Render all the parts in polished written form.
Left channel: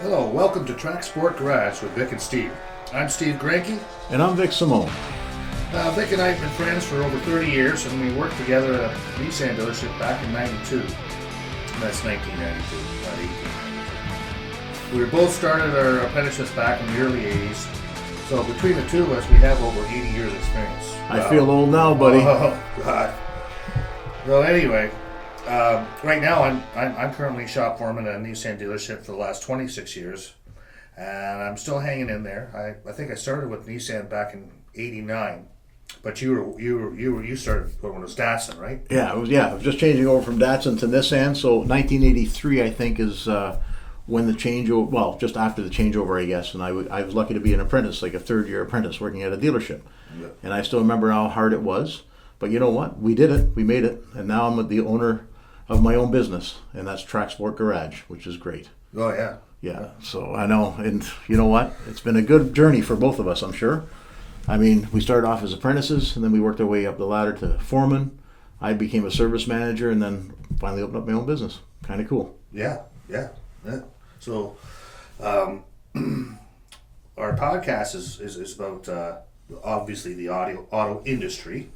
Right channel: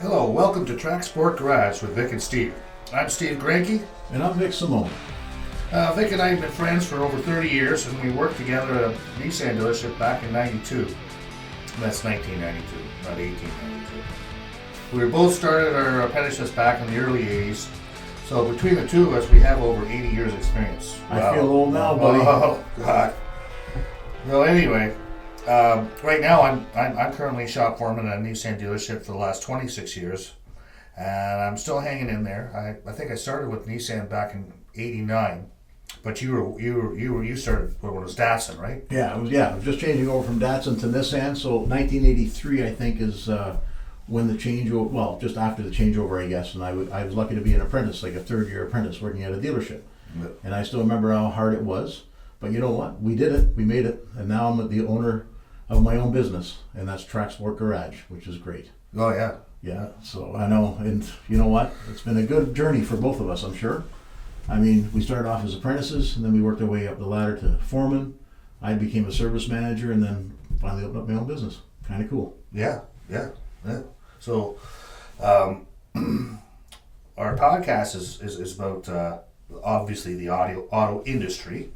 Hello, welcome to TracSport Garage with Vic and Steve. I'm Steve Granke. And I'm Vic Simone. Vic and I have been friends for over 30 years, and we worked together at a Nissan dealership back in 92. That's 1992, not 1892. We both started our apprenticeships back in the early 80s, so between the two of us, we have over 80 years experience. I feel old now, buddy. Oh, God. So anyway, right now I'm currently shop foreman at a Nissan dealership for the last 26 years, and I'm still hanging in there. I think I started with Nissan back in '89, but you started when it was Datsun, right? Yeah, it was just changing over from Datsun to Nissan. So 1983, I think, is when the changeover. Well, just after the changeover, I guess. And I was lucky to be an apprentice, like a third-year apprentice, working at a dealership. Yeah. And I still remember how hard it was. But you know what? We did it. We made it. And now I'm the owner of my own business, and that's TracSport Garage, which is great. Oh yeah. Yeah, so I know, and you know what? It's been a good journey for both of us, I'm sure. I mean, we started off as apprentices, and then we worked our way up the ladder to foreman. I became a service manager, and then finally opened up my own business. Kind of cool. Yeah. So, our podcast is about obviously the auto industry,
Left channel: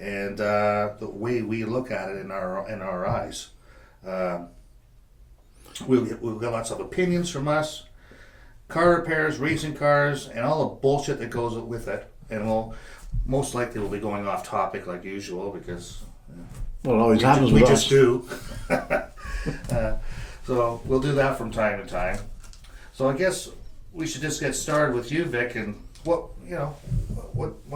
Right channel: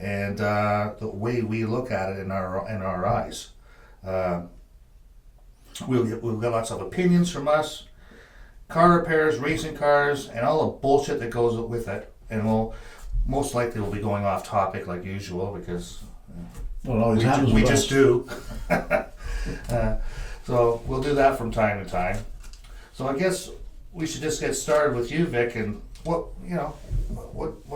and the way we look at it in our eyes. We'll get lots of opinions from us, car repairs, racing cars, and all the bullshit that goes with it. And we'll most likely be going off topic like usual because Well, it always happens we with just us. do. So we'll do that from time to time. So I guess we should just get started with you, Vic, and what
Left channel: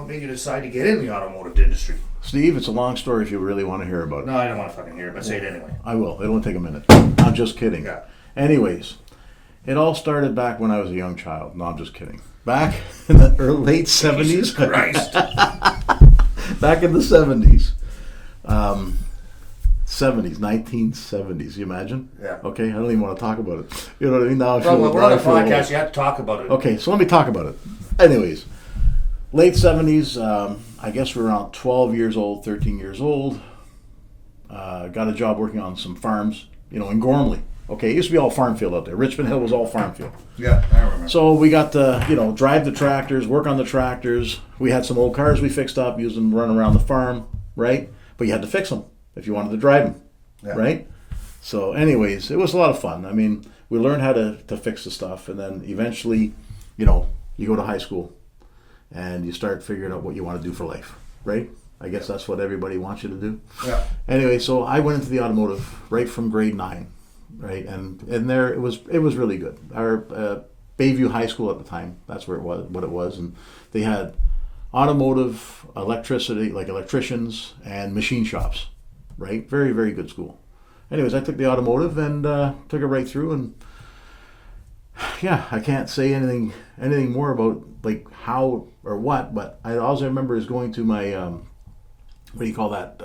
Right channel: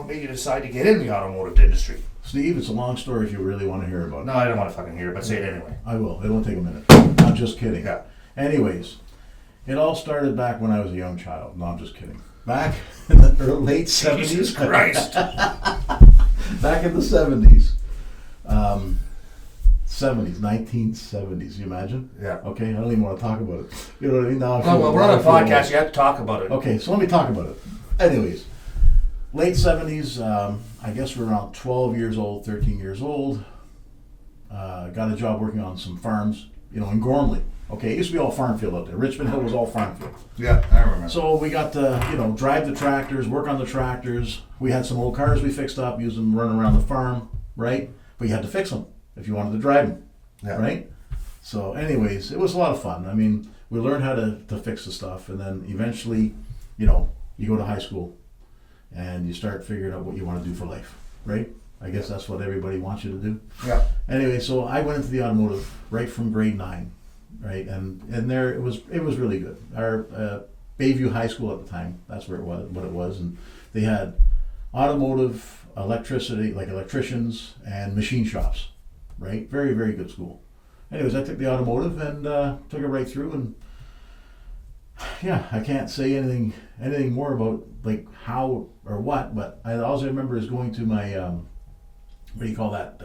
made you decide to get in the automotive industry? Steve, it's a long story if you really want to hear about it. No, I don't want to fucking hear it, but say it anyway. I will. It'll take a minute. I'm just kidding. Yeah. Anyways, it all started back when I was a young child. No, I'm just kidding. Back in the late 70s. Jesus Christ. Back in the 70s. 1970s, you imagine? Yeah. Okay, I don't even want to talk about it. You know what I mean? Now I Well, feel we're on a I feel podcast. old. You have to talk about it. Okay, so let me talk about it. Anyways, late 70s, I guess we're around 12 years old, 13 years old. Got a job working on some farms, in Gormley. Okay, it used to be all farm field out there. Richmond Hill was all farm field. Yeah, I remember. So we got to, drive the tractors, work on the tractors. We had some old cars we fixed up, used them to run around the farm, right? But you had to fix them if you wanted to drive them, Yeah. right? So anyways, it was a lot of fun. I mean, we learned how to fix the stuff, and then eventually, you go to high school and you start figuring out what you want to do for life, right? I guess that's what everybody wants you to do. Yeah. Anyway, so I went into the automotive right from grade 9, right? And there it was really good. Our Bayview High School at the time, that's where what it was, and they had automotive, electricity, like electricians and machine shops, right? Very, very good school. Anyways, I took the automotive and took it right through, and yeah, I can't say anything more about like how or what, but all I remember is going to my what do you call that?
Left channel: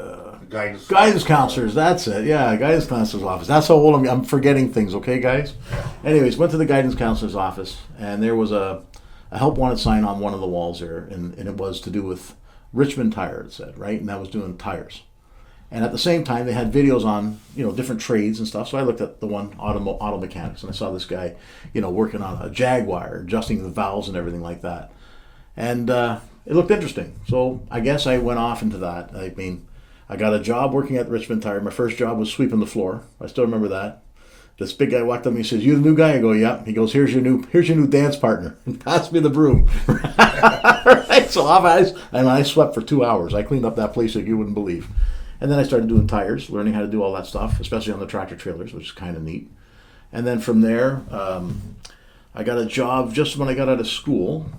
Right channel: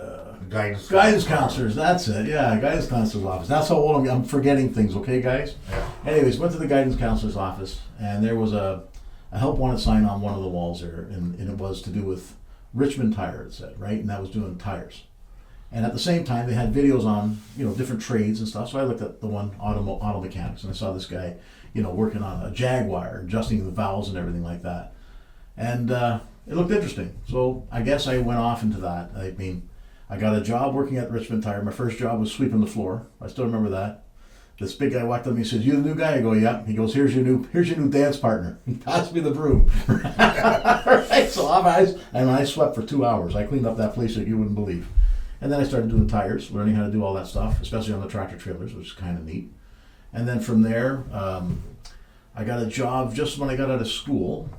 Guidance counselors. That's it. Yeah, guidance counselor's office. That's how old I'm forgetting things. Okay, guys. Yeah. Anyways, went to the guidance counselor's office, and there was a help wanted sign on one of the walls there, and it was to do with Richmond Tire. It said, right, and that was doing tires. And at the same time, they had videos on different trades and stuff. So I looked at the one auto mechanics, and I saw this guy working on a Jaguar, adjusting the valves and everything like that, and it looked interesting. So I guess I went off into that. I mean, I got a job working at Richmond Tire. My first job was sweeping the floor. I still remember that. This big guy walked up to me and says, "You the new guy?" I go, "Yeah." He goes, "Here's your new dance partner." And passed me the broom. Right? So I swept for 2 hours. I cleaned up that place like you wouldn't believe. And then I started doing tires, learning how to do all that stuff, especially on the tractor trailers, which is kind of neat. And then from there, I got a job just when I got out of school,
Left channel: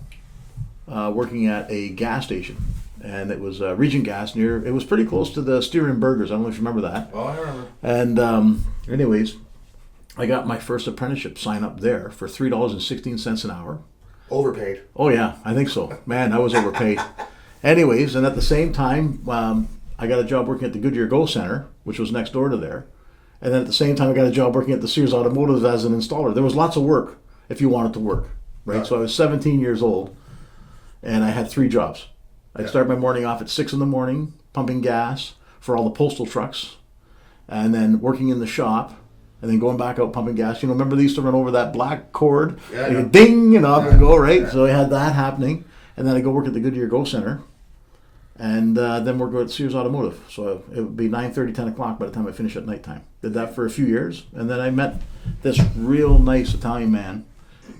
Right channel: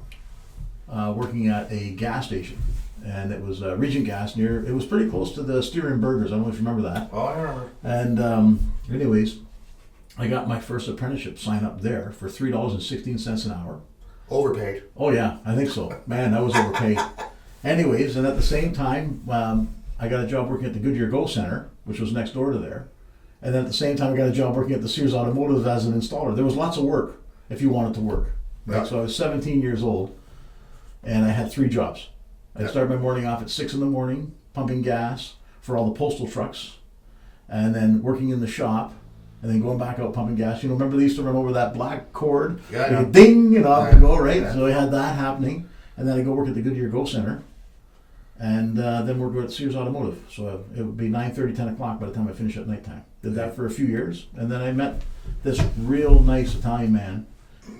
working at a gas station. And it was Regent Gas it was pretty close to the Steering Burgers. I don't know if you remember that. Oh, I remember. And anyways, I got my first apprenticeship sign up there for $3.16 an hour. Overpaid. Oh yeah, I think so. Man, I was overpaid. Anyways, and at the same time, I got a job working at the Goodyear Go Center, which was next door to there. And then at the same time, I got a job working at the Sears Automotive as an installer. There was lots of work if you wanted to work, right? Yeah. So I was 17 years old, and I had 3 jobs. I'd start my morning off at 6 in the morning, pumping gas for all the postal trucks, and then working in the shop, and then going back out pumping gas. You know, remember they used to run over that black cord, Yeah, and yeah. ding, and off Yeah, and go, right? yeah. So I had that happening, and then I go work at the Goodyear Go Center, and then we're going to Sears Automotive. So it would be 9:30, 10 o'clock by the time I finish at nighttime. Did that for a few years, and then I met this real nice Italian man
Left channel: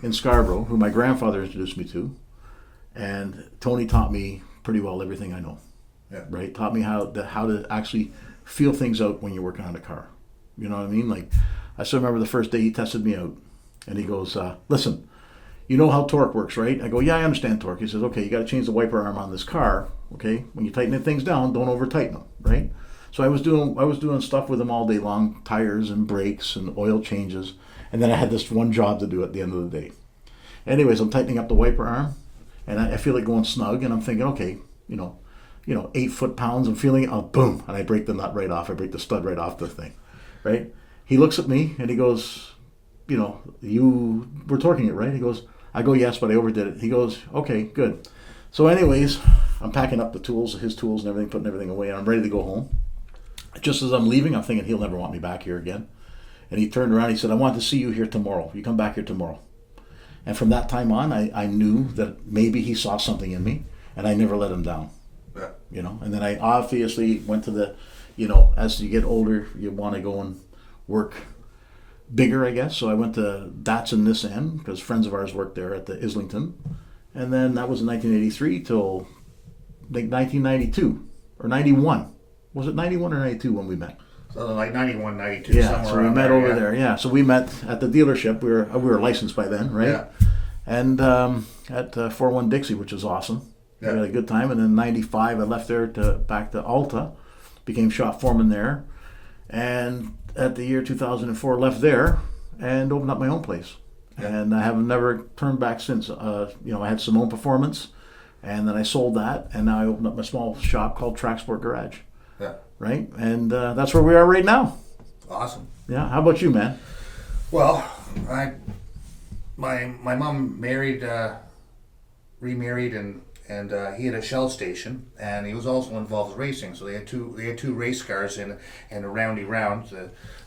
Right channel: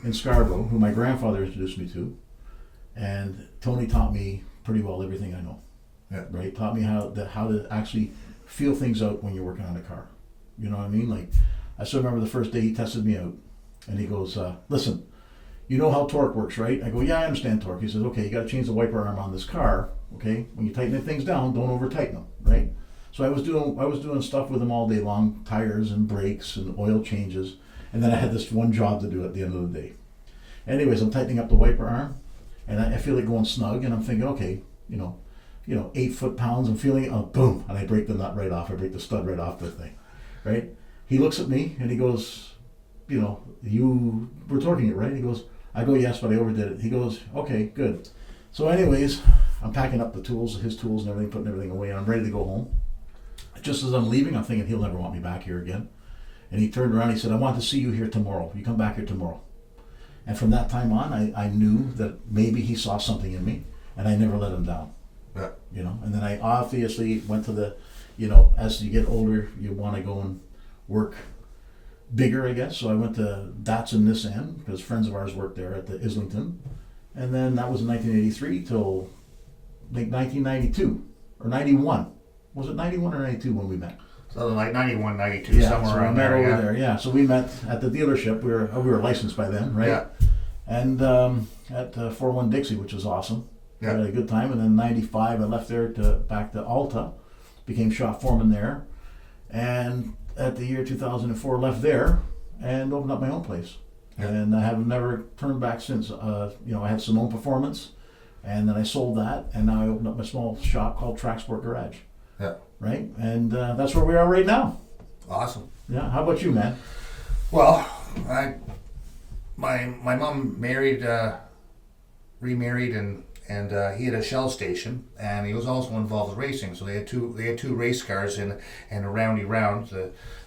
in Scarborough, who my grandfather introduced me to, and Tony taught me pretty well everything I know. Yeah. Right, taught me how to actually feel things out when you're working on a car. You know what I mean? Like, I still remember the first day he tested me out, and he goes, "Listen, you know how torque works, right?" I go, "Yeah, I understand torque." He says, "Okay, you got to change the wiper arm on this car. Okay, when you tighten things down, don't over tighten them, right?" So I was doing stuff with him all day long, tires and brakes and oil changes, and then I had this one job to do at the end of the day. Anyways, I'm tightening up the wiper arm, and I feel it going snug, and I'm thinking, okay, 8 foot-pounds, I'm feeling it, boom, and I break the nut right off. I break the stud right off the thing, right? He looks at me and he goes, you were torquing it, right? He goes, I go, yes, but I overdid it. He goes, okay, good. So anyways, I'm packing up the tools, his tools and everything, putting everything away, and I'm ready to go home. Just as I'm leaving, I'm thinking he'll never want me back here again. And he turned around, he said, I want to see you here tomorrow. You come back here tomorrow. And from that time on, I knew that maybe he saw something in me, and I never let him down. Yeah. And then I obviously went to the, as you get older, you want to go and work bigger, I guess. So I went to Datsun Nissan, because friends of ours worked there at the Islington. And then that was in 1983 till like 1992 or 91. Was it 91 or 92 when we met? So like 91, 92, Yeah, somewhere so we around met there. over there. Yeah, so we met at the dealership. We were licensed by then, right? Yeah. And at 41 Dixie, which was awesome. Yeah. We had a good time. And then '95, I left there back to Alta, became shop foreman there, and at the year 2004, left there and opened up my own place. Yeah. And I have never turned back since. I had Simone Performance, and then I sold that, and now I opened up my small shop called TracSport Garage. Yeah. Right, and that's where we are right now. Awesome. Yeah. How about you, man? Well, my mom remarried, and he had a Shell station, and he was also involved with racing. So they had two race cars in a roundy round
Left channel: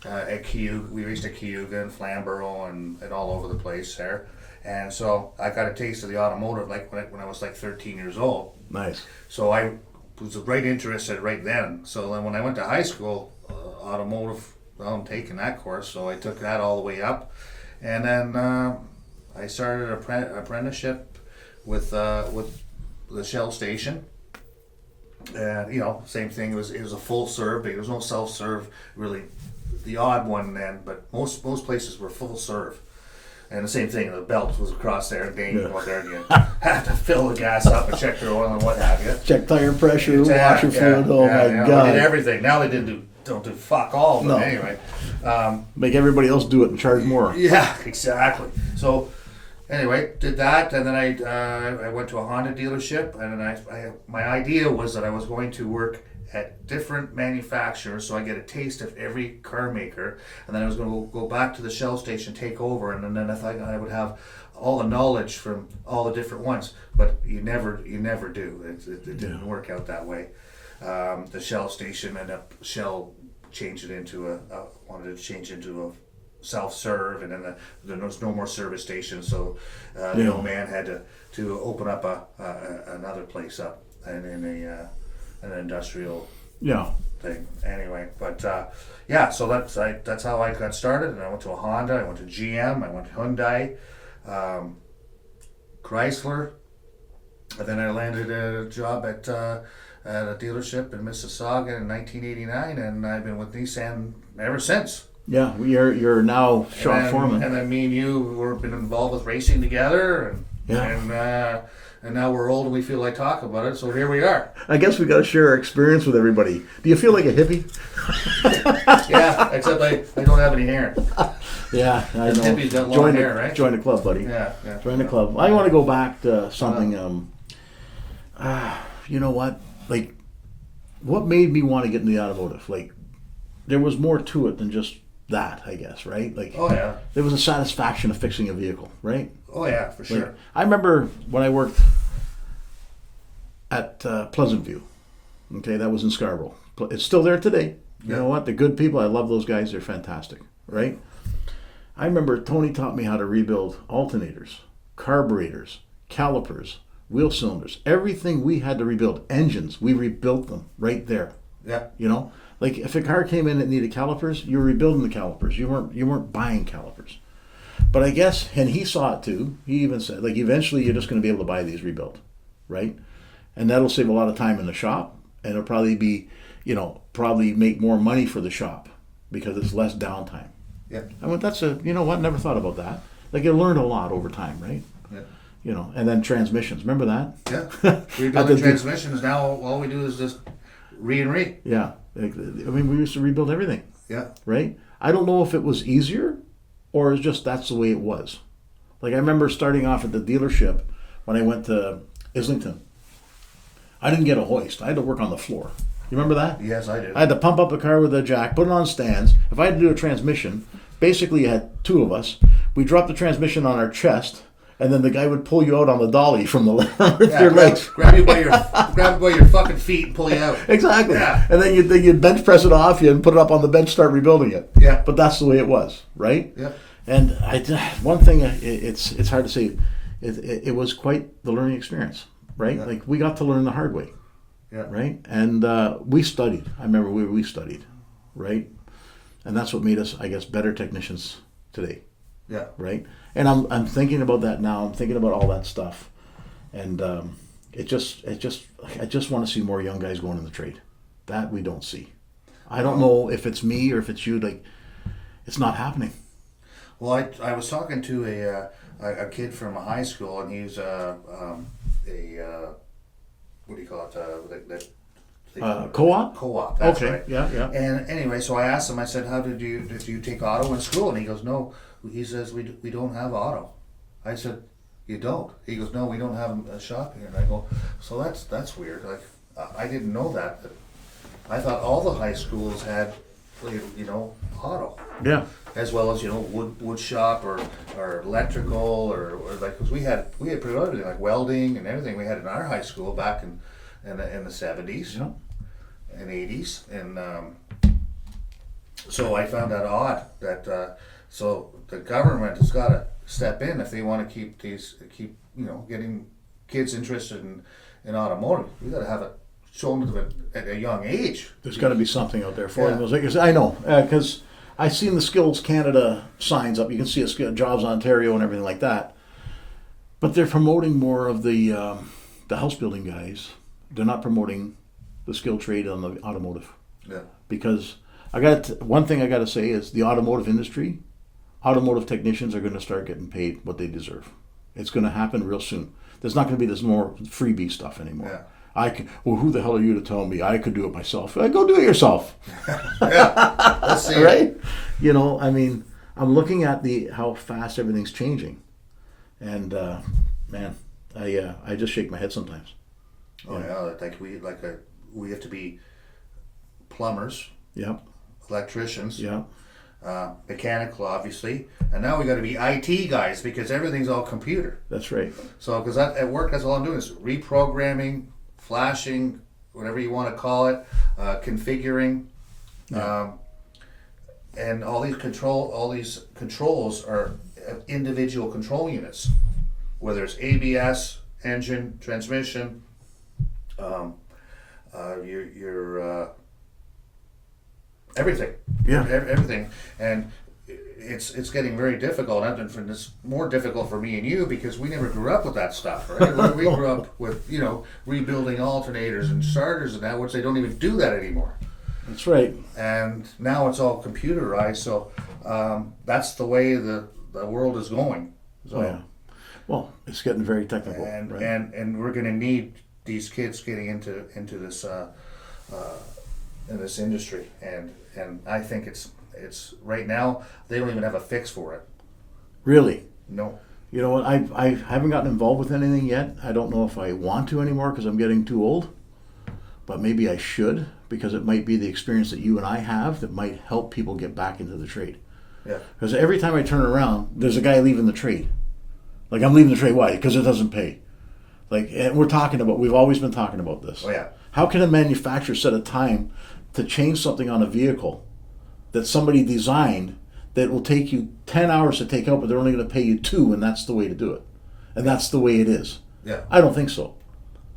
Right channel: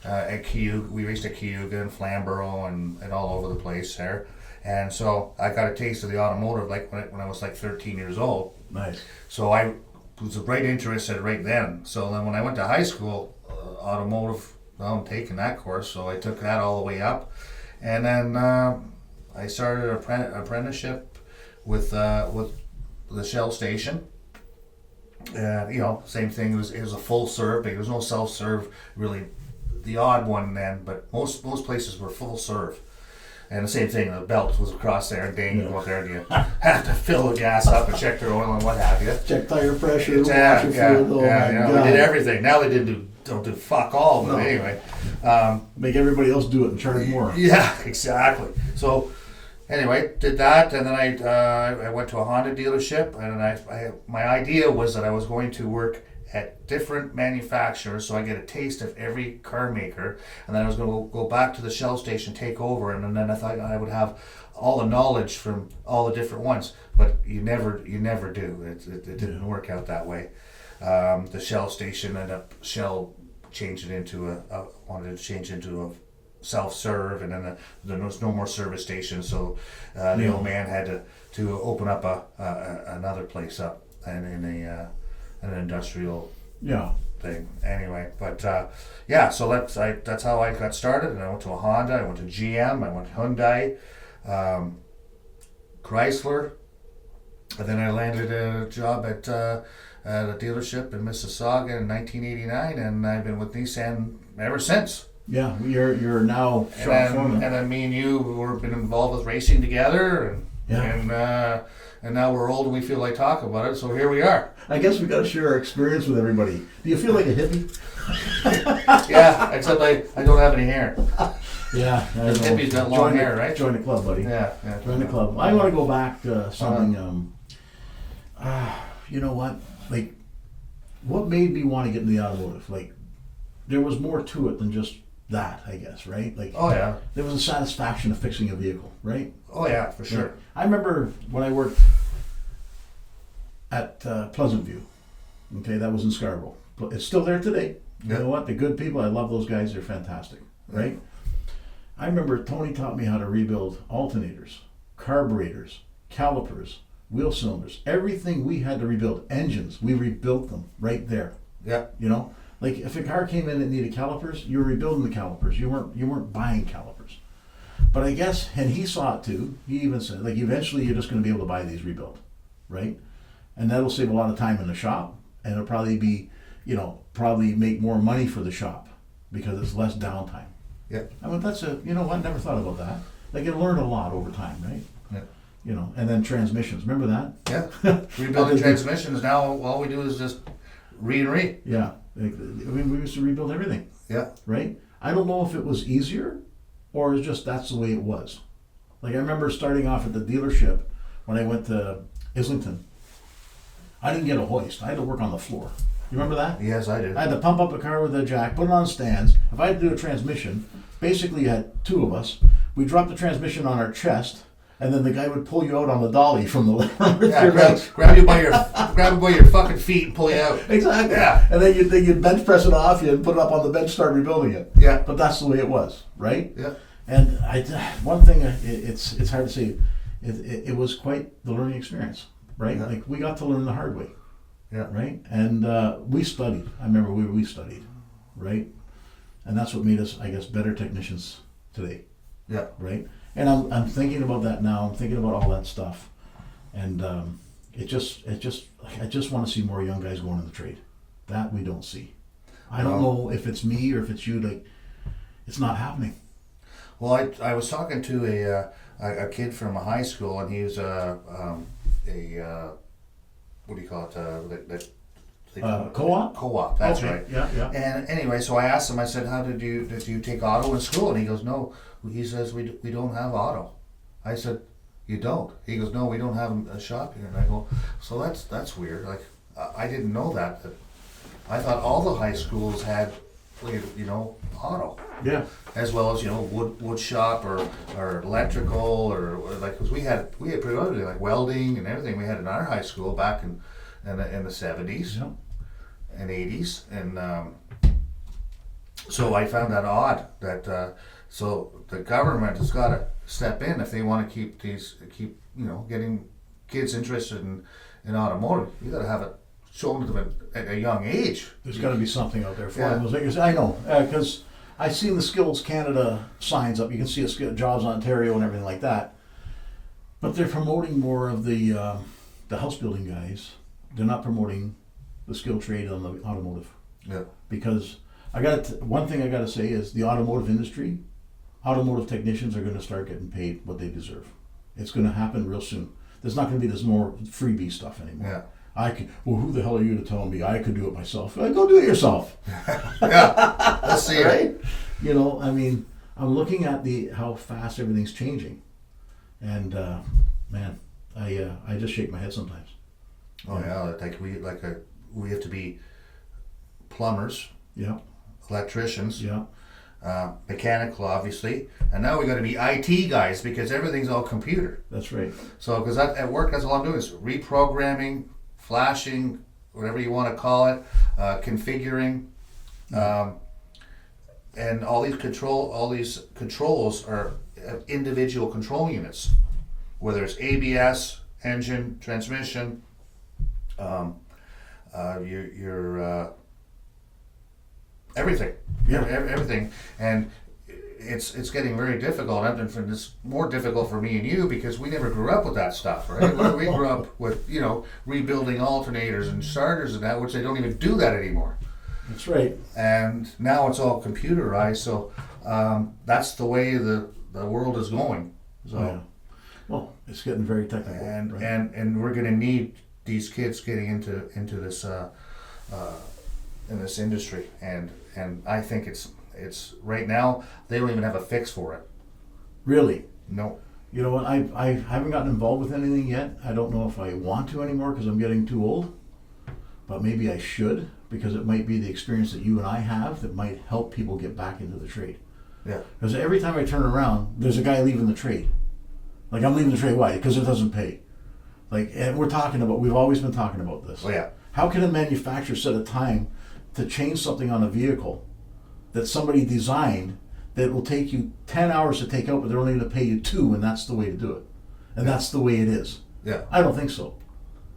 at Cayuga. We raced at Cayuga and Flamborough and all over the place there. And so I got a taste of the automotive like when I was like 13 years old. Nice. So I was right interested right then. So then when I went to high school, automotive, well, I'm taking that course, so I took that all the way up. And then I started an apprenticeship with the Shell station. And same thing. It was a full serve. There was no self serve really, the odd one then, but most places were full serve. And the same thing, the belt was across there, and bang, you go there, and you have to fill the gas up and check their oil and what have you. Check tire pressure, Exactly, washer fluid. Oh my God! They did everything. Now they don't do fuck all, but No. anyway. Make everybody else do it and charge more. Yeah, exactly. So anyway, did that, and then I went to a Honda dealership, and then my idea was that I was going to work at different manufacturers, so I get a taste of every car maker, and then I was going to go back to the Shell station, take over, and then I thought I would have all the knowledge from all the different ones, but you never do. It didn't work out that way. The Shell station ended up changing into wanted to change into a self-serve, and then there was no more service stations, so the old man had to open up another place up and in an industrial thing. Anyway, but so that's how I got started. And I went to a Honda, I went to GM, I went to Hyundai, Chrysler, and then I landed a job at a dealership in Mississauga in 1989, and I've been with Nissan ever since. Yeah, you're now shop foreman. And then me and you have been involved with racing together, and now we're old and we feel like talking about it, so here we are. I guess we got to share our experience with everybody. Do you feel like a hippie? Yeah, except I don't have any hair. Yeah, I know. Hippies got long hair, right? Join the club, buddy. Yeah. Join the club. I want to go back to something. You know what? Like, what made me want to get into the automotive? Like, there was more to it than just that, I guess, right? Like, Oh yeah. there was a satisfaction of fixing a vehicle, right? Oh yeah, for sure. Like, I remember when I worked at Pleasant View. Okay, that was in Scarborough. It's still there today. You Yeah. know what? The good people, I love those guys. They're fantastic. right? I remember Tony taught me how to rebuild alternators, carburetors, calipers, wheel cylinders, everything we had to rebuild, engines, we rebuilt them right there. Yeah. You know, like if a car came in that needed calipers, you were rebuilding the calipers. You weren't buying calipers. But I guess, and he saw it too. He even said, like, eventually you're just going to be able to buy these rebuilt, right? And that'll save a lot of time in the shop, and it'll probably be, probably make more money for the shop because it's less downtime. Yeah. I went, you know what? Never thought about that. Like, you learn a lot over time, right? Yeah. And then transmissions. Remember that? Yeah. Rebuilding transmissions now, all we do is just re and re. Yeah. I mean, we used to rebuild everything. Yeah. Right? I don't know if it was easier or it's just that's the way it was. Like, I remember starting off at the dealership when I went to Islington. I didn't get a hoist. I had to work on the floor. You remember that? Yes, I did. I had to pump up the car with a jack, put it on stands. If I had to do a transmission, basically you had two of us. We dropped the transmission on our chest, and then the guy would pull you out on the dolly from the left. Grab you by your fucking feet and pull you out. Exactly. Yeah. And then you'd bench press it off you and put it up on the bench, start rebuilding it. Yeah. But that's the way it was, right? Yeah. And one thing, it's hard to say, it was quite the learning experience, right? Yeah. Like, we got to learn the hard way. Yeah. Right? And we studied. I remember we studied, right? And that's what made us, I guess, better technicians today. Yeah. Right? And I'm thinking about that now. I'm thinking about all that stuff. And I just want to see more young guys going in the trade. That we don't see. I don't know if it's me or if it's you. Like, it's not happening. Well, I was talking to a kid from a high school, and he's what do you call it? Co-op? Co-op. That's okay. right. Yeah, yeah. And anyway, so I asked him. I said, "How did you take auto in school?" And he goes, "No." He says, "We don't have auto." I said, "You don't?" He goes, "No, we don't have a shop here." And I go, "So that's weird. Like, I didn't know that. I thought all the high schools had, auto." Yeah. As well as wood shop or electrical or like, because we had predominantly like welding and everything we had in our high school back in the 70s and 80s, and so I found that odd that so the government has got to step in if they want to keep getting kids interested in automotive. You got to have it shown to them at a young age. There's got to be something out there for them. I know, because I've seen the Skills Canada signs up. You can see a Jobs Ontario and everything like that. But they're promoting more of the house building guys. They're not promoting the skilled trade on the automotive. Yeah. Because one thing I got to say is the automotive industry, automotive technicians are going to start getting paid what they deserve. It's going to happen real soon. There's not going to be this more freebie stuff anymore. Yeah. Who the hell are you to tell me I could do it myself? Go do it yourself. Yeah, let's see. Right? I mean, I'm looking at how fast everything's changing, and man, I just shake my head sometimes. Oh yeah, we have to be plumbers. Yeah. Electricians. Yeah. Mechanical, obviously, and now we got to be IT guys because everything's all computer. That's right. So, because at work, that's all I'm doing is reprogramming, flashing, whatever you want to call it, configuring, and all these controls are individual control units, whether it's ABS, engine, transmission, your everything. Yeah. Everything, and it's getting very difficult, and it's more difficult for me and you because we never grew up with that stuff, right? We grew up with rebuilding alternators and starters and that, which they don't even do that anymore. That's right. And now it's all computerized, so that's the way the world is going. So, yeah. Well, it's getting very technical, and right? and we're going to need these kids getting into this in this industry, and I think it's right now they don't even have a fix for it. Really? No. You know what? I haven't gotten involved with anything yet. I don't know if I want to anymore because I'm getting too old. But maybe I should, because it might be the experience that you and I have that might help people get back into the trade. Yeah. Because every time I turn around, there's a guy leaving the trade. Like, I'm leaving the trade. Why? Because it doesn't pay. Like, and we've always been talking about this. Oh yeah. How can a manufacturer set a time to change something on a vehicle that somebody designed that will take you 10 hours to take out, but they're only going to pay you 2, and that's the way to do it. And that's the way it is. Yeah. I don't think so.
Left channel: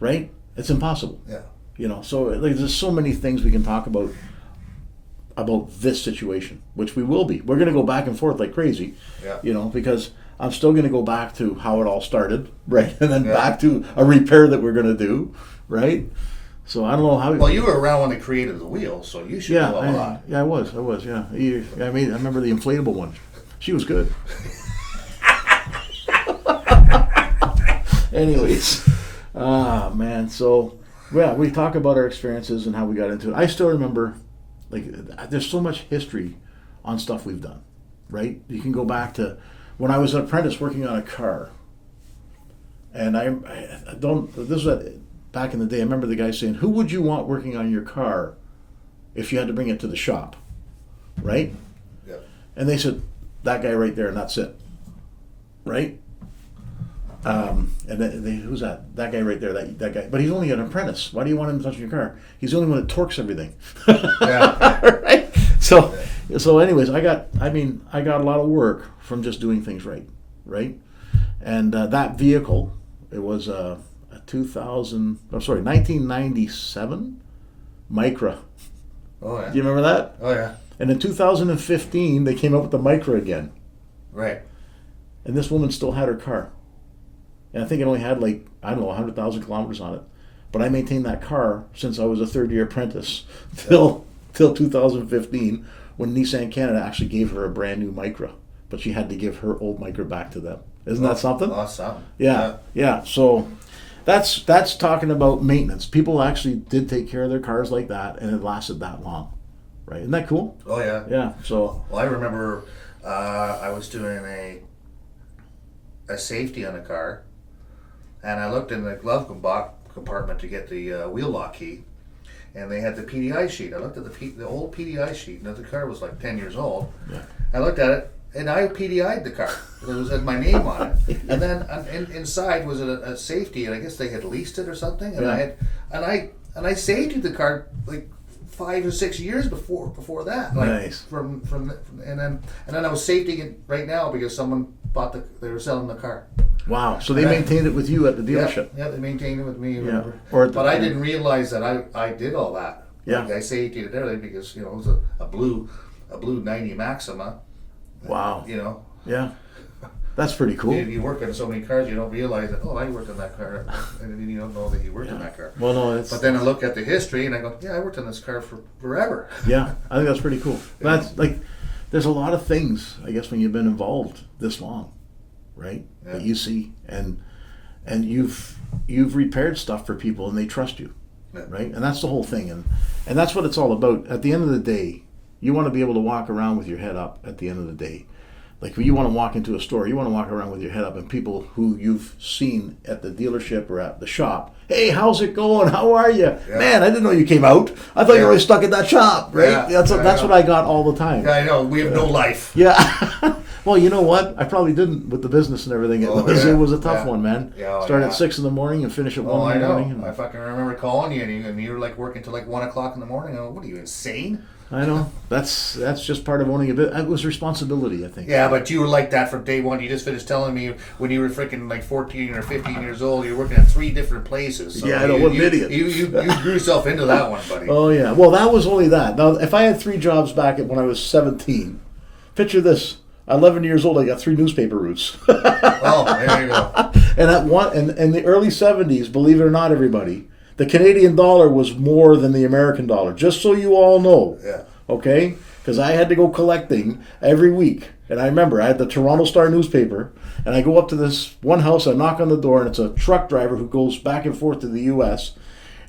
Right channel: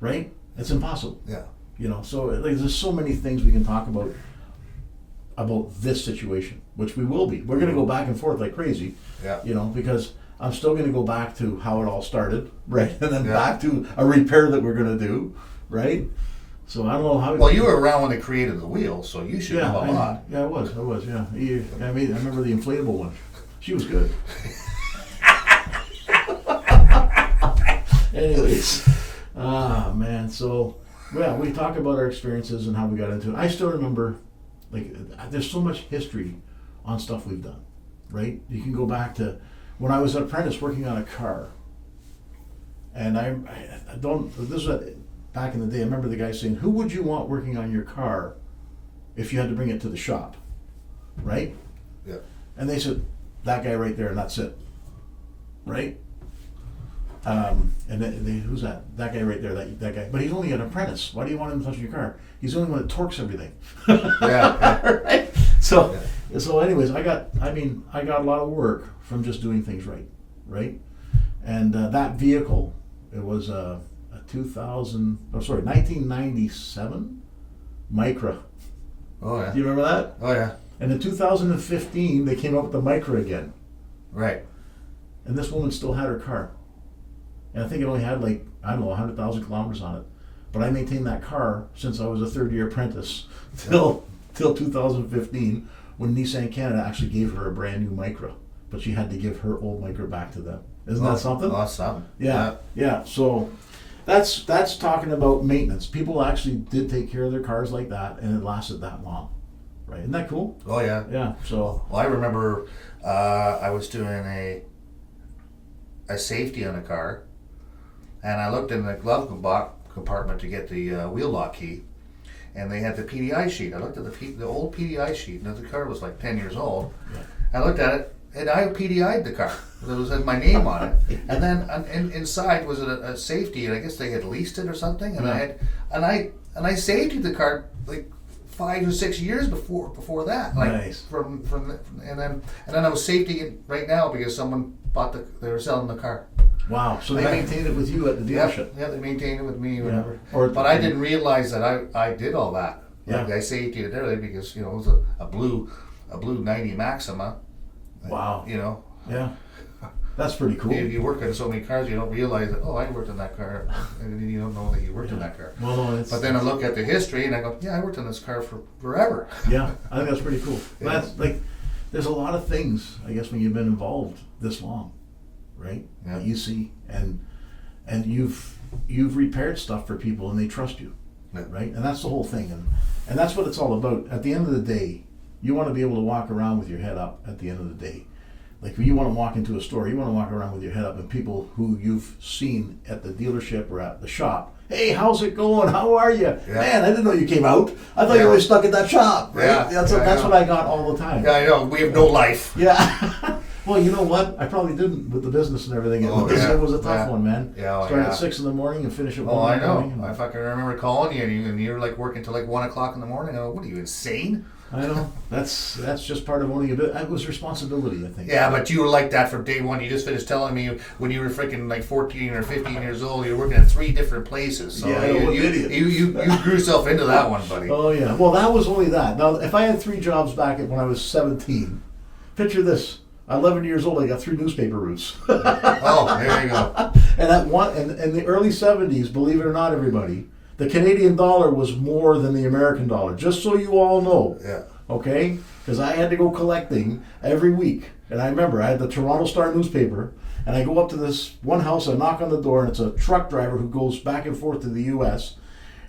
Right? It's impossible. Yeah. You know, so like, there's so many things we can talk about this situation, which we will be. We're going to go back and forth like crazy, Yeah. you know, because I'm still going to go back to how it all started, right? And then Yeah. back to a repair that we're going to do, right? So I don't know how. Well, you were around when they created the wheel, so you should know a lot. I was, yeah. I remember the inflatable one. She was good. Anyways, man. So, yeah, we talk about our experiences and how we got into it. I still remember, like, there's so much history on stuff we've done, right? You can go back to when I was an apprentice working on a car. And I don't, this was back in the day, I remember the guy saying, who would you want working on your car if you had to bring it to the shop, right? Yeah. And they said, that guy right there, and that's it, right? And then who's that? That guy right there, that guy. But he's only an apprentice. Why do you want him touching your car? He's the only one that torques everything. Yeah. Right? So anyways, I got a lot of work from just doing things right? And that vehicle, it was a 1997 Micra. Oh yeah. Do you remember that? Oh yeah. And in 2015, they came up with the Micra again. Right. And this woman still had her car. And I think it only had 100,000 kilometers on it. But I maintained that car since I was a third-year apprentice till 2015, when Nissan Canada actually gave her a brand new Micra. But she had to give her old Micra back to them. Isn't that something? That's something. Yeah. So that's talking about maintenance. People actually did take care of their cars like that, and it lasted that long. Right? Isn't that cool? Oh yeah. Yeah. So. Well, I remember I was doing a safety on a car, and I looked in the glove compartment to get the wheel lock key, and they had the PDI sheet. I looked at the old PDI sheet, and the car was like 10 years old. Yeah. I looked at it, and I PDI'd the car. It was had my name on it, and then inside was a safety, and I guess they had leased it or something. And Yeah. I safetied the car like 5 or 6 years before that. Like, Nice. From and then I was safetying it right now because someone they were selling the car. Wow. So they maintained it with you at the dealership. Yeah, they maintained it with me or whatever. But I didn't realize that I did all that. Yeah. Like, I safetied it early because it was a blue 90 Maxima. Wow. You Yeah. That's pretty cool. You work on so many cars, you don't realize that, I worked on that car, and you don't know that you worked on that car. Well, no, it's. But then I look at the history and I go, I worked on this car for forever. Yeah, I think that's pretty cool. That's like, there's a lot of things, I guess, when you've been involved this long, right? Yeah. That you see, and you've repaired stuff for people, and they trust you, Yeah. right? And that's the whole thing, and that's what it's all about. At the end of the day, you want to be able to walk around with your head up. At the end of the day. Like, when you want to walk into a store, you want to walk around with your head up, and people who you've seen at the dealership or at the shop, hey, how's it going? How are you? Yeah. Man, I didn't know you came out. I thought you were always stuck in that shop, right? Yeah. That's what I got all the time. Yeah, I know, we have no life. Yeah. Well, you know what? I probably didn't with the business and everything. It was a tough one, man. Yeah, Start at 6 in the morning and finish at 1 I in the know. morning. I fucking remember calling you, and you were like working till like 1 o'clock in the morning. I go, what are you, insane? I know. That's just part of owning a bit. It was responsibility, I think. Yeah, but you were like that from day one. You just finished telling me when you were freaking like 14 or 15 years old, you were working at 3 different places. So Yeah, I know, what an idiot. You grew yourself into that one, buddy. Oh, yeah. Well, that was only that. Now, if I had 3 jobs back when I was 17, picture this. 11 years old, I got 3 newspaper routes. Oh, there you go. And in the early 70s, believe it or not, everybody, the Canadian dollar was more than the American dollar. Just so you all know. Yeah. Okay? Because I had to go collecting every week. And I remember I had the Toronto Star newspaper, and I go up to this one house, I knock on the door, and it's a truck driver who goes back and forth to the U.S.,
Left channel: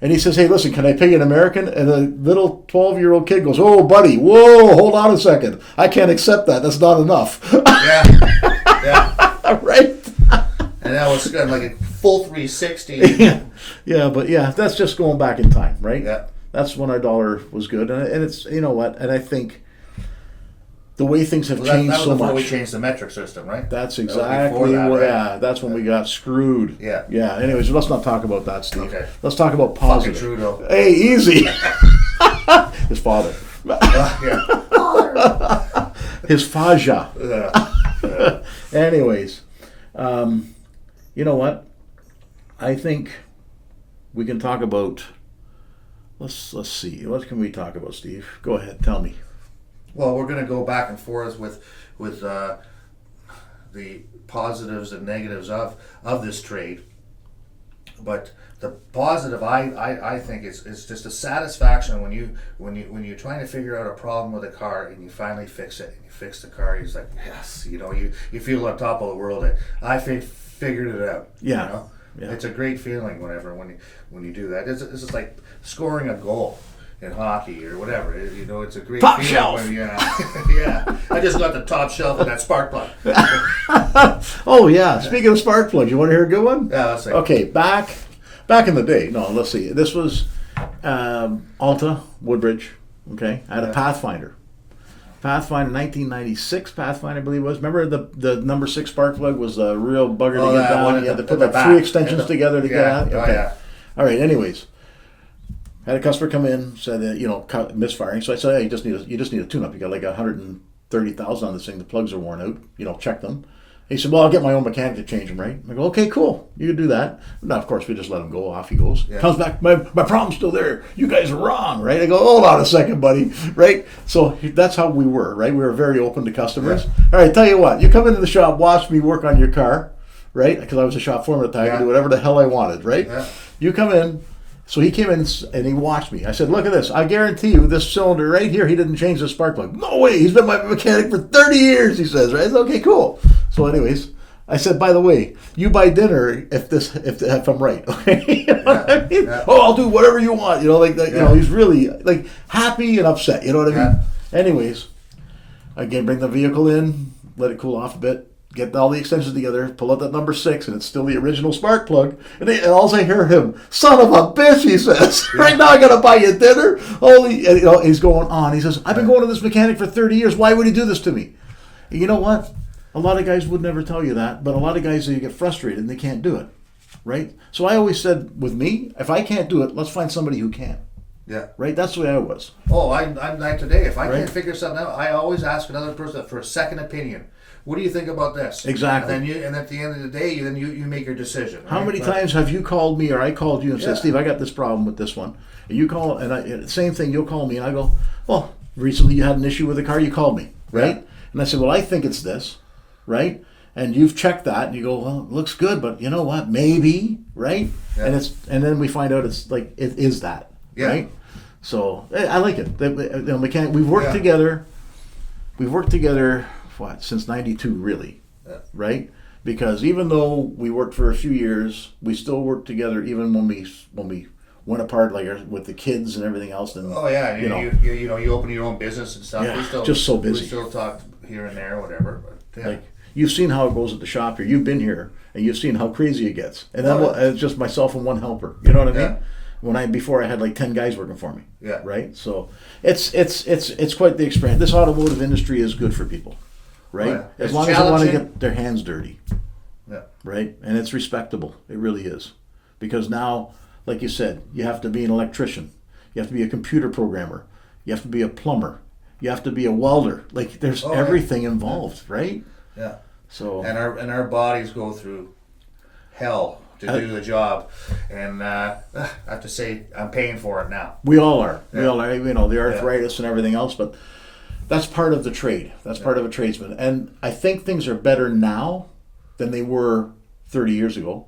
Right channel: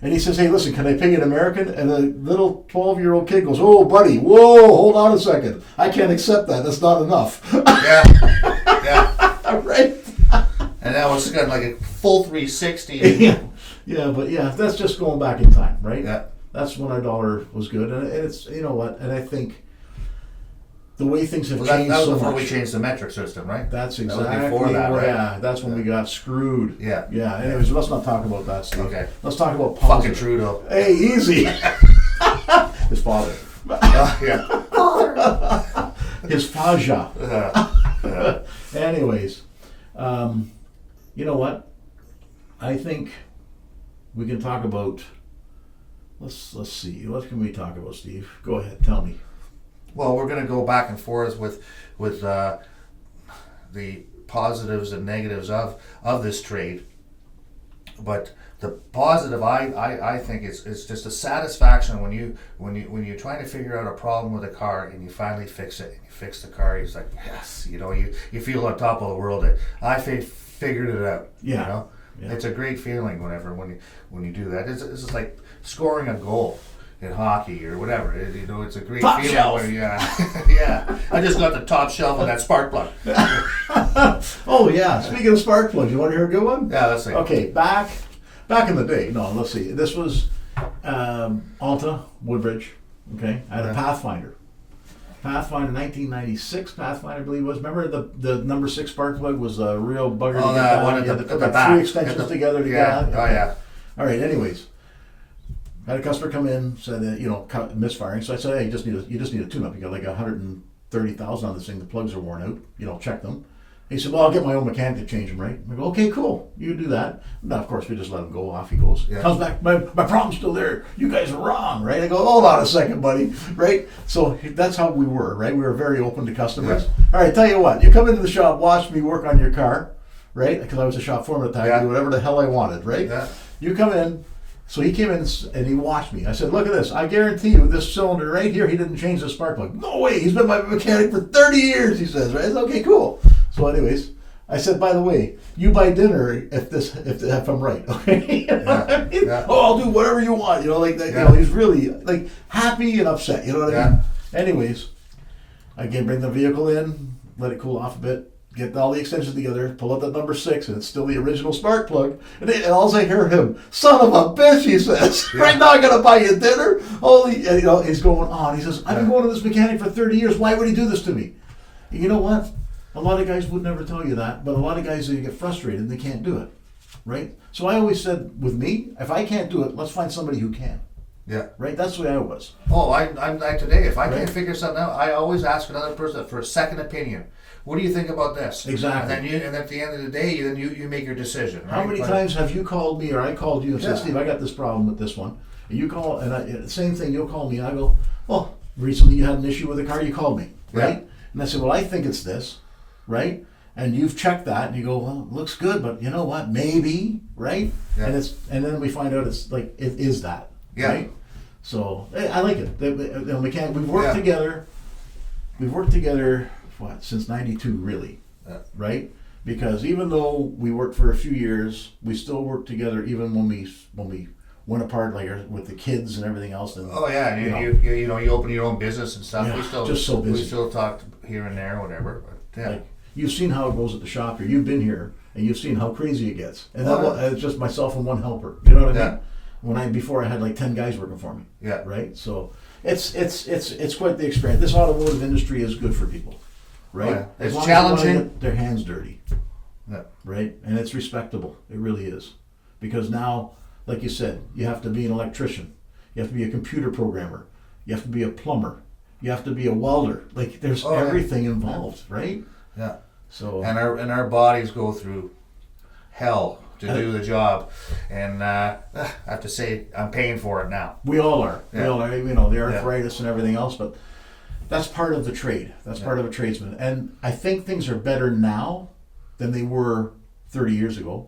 and he says, hey, listen, can I pay you in American? And the little 12-year-old kid goes, oh, buddy, whoa, hold on a second. I can't accept that. That's not enough. Yeah. Yeah. Right? And that was kind of like a full 360. Yeah, but that's just going back in time, right? Yeah. That's when our dollar was good. And it's, you know what, and I think the way things have changed that was so before much. we changed the metric system, right? That's That was exactly before that, what, right? yeah, that's when we got screwed. Yeah. Yeah, anyways, let's not talk about that, Steve. Okay. Let's talk about Fucking positive. Trudeau. Hey, easy. His father. Yeah. his faja. Yeah. Anyways, you know what? I think we can talk about. Let's see. What can we talk about, Steve? Go ahead. Tell me. Well, we're going to go back and forth with the positives and negatives of this trade. But the positive, I think, is just a satisfaction when you're trying to figure out a problem with a car and you finally fix it. And you fix the car. You're like, yes, you feel on top of the world. I figured it out. Yeah. You know? Yeah. It's a great feeling when you do that. It's just like scoring a goal in hockey or whatever. It's a great Top feeling. shelf. Yeah. I just got the top shelf of that spark plug. Oh yeah. Speaking of spark plugs, you want to hear a good one? Yeah, let's see. Okay, back in the day. No, let's see. This was Alta Woodbridge. Okay, I had a Pathfinder. Pathfinder, 1996 Pathfinder, I believe it was. Remember the number 6 spark plug was a real bugger to get down. You had to put like 3 extensions together to get on. Oh yeah. All right. Anyways, I had a customer come in, said misfiring. So I said, hey, you just need a tune-up. You got like 130,000 on this thing. The plugs are worn out. Check them. He said, well, I'll get my own mechanic to change them, right? I go, okay, cool. You can do that. Now, of course, we just let him go. Off he goes. Yeah. Comes back, my problem's still there. You guys are wrong, right? I go, hold on a second, buddy, right? So that's how we were, right? We were very open to customers. Yeah. All right, tell you what. You come into the shop, watch me work on your car, right? Because I was a shop foreman at the time. I could do whatever the hell I wanted, right? Yeah. You come in. So he came in and he watched me. I said, look at this. I guarantee you this cylinder right here, he didn't change the spark plug. No way. He's been my mechanic for 30 years, he says, right? I said, okay, cool. So anyways, I said, by the way, you buy dinner if I'm right, okay? You know what I mean? Yeah. Oh, I'll do whatever you want. Like that. Yeah. He's really like happy and upset. You know what I mean? Anyways, again, bring the vehicle in, let it cool off a bit. Get all the extensions together, pull out that number 6, and it's still the original spark plug. And all I hear him, son of a bitch, he says, right now I gotta buy you dinner. And he's going on. He says, I've been going to this mechanic for 30 years. Why would he do this to me? And you know what? A lot of guys would never tell you that, but a lot of guys, they get frustrated and they can't do it, right? So I always said, with me, if I can't do it, let's find somebody who can. Yeah. Right? That's the way I was. Oh, I'm like today. If I can't figure something out, I always ask another person for a second opinion. What do you think about this? Exactly. And at the end of the day, you make your decision. Right? How many times have you called me or I called you and said, Steve, I got this problem with this one. And you call, and same thing, you'll call me and I go, well, recently you had an issue with a car, you called me, right? Yeah. And I said, well, I think it's this, right? And you've checked that and you go, well, it looks good, but you know what, maybe, right? Yeah. And then we find out it's like, it is that, right? So I like it. We've worked together. We've worked together, since '92, really, right? Because even though we worked for a few years, we still worked together. Even when we went apart, like with the kids and everything else. And you open your own business and stuff. Yeah, we still just so busy. We still talk here and there, whatever. But like you've seen how it goes at the shop here. You've been here and you've seen how crazy it gets. And it's just myself and one helper. You know what I mean? Before I had like 10 guys working for me. Yeah. Right. So it's quite the experience. This automotive industry is good for people. Right? Oh, yeah. As long as they want to get their hands dirty. Yeah. Right? And it's respectable. It really is. Because now, like you said, you have to be an electrician. You have to be a computer programmer. You have to be a plumber. You have to be a welder. Like there's everything involved, right? Yeah. So and our bodies go through hell to do the job. And I have to say I'm paying for it now. We all are. Yeah. We all are. The arthritis and everything else, but that's part of the trade. That's part of a tradesman. And I think things are better now than they were 30 years ago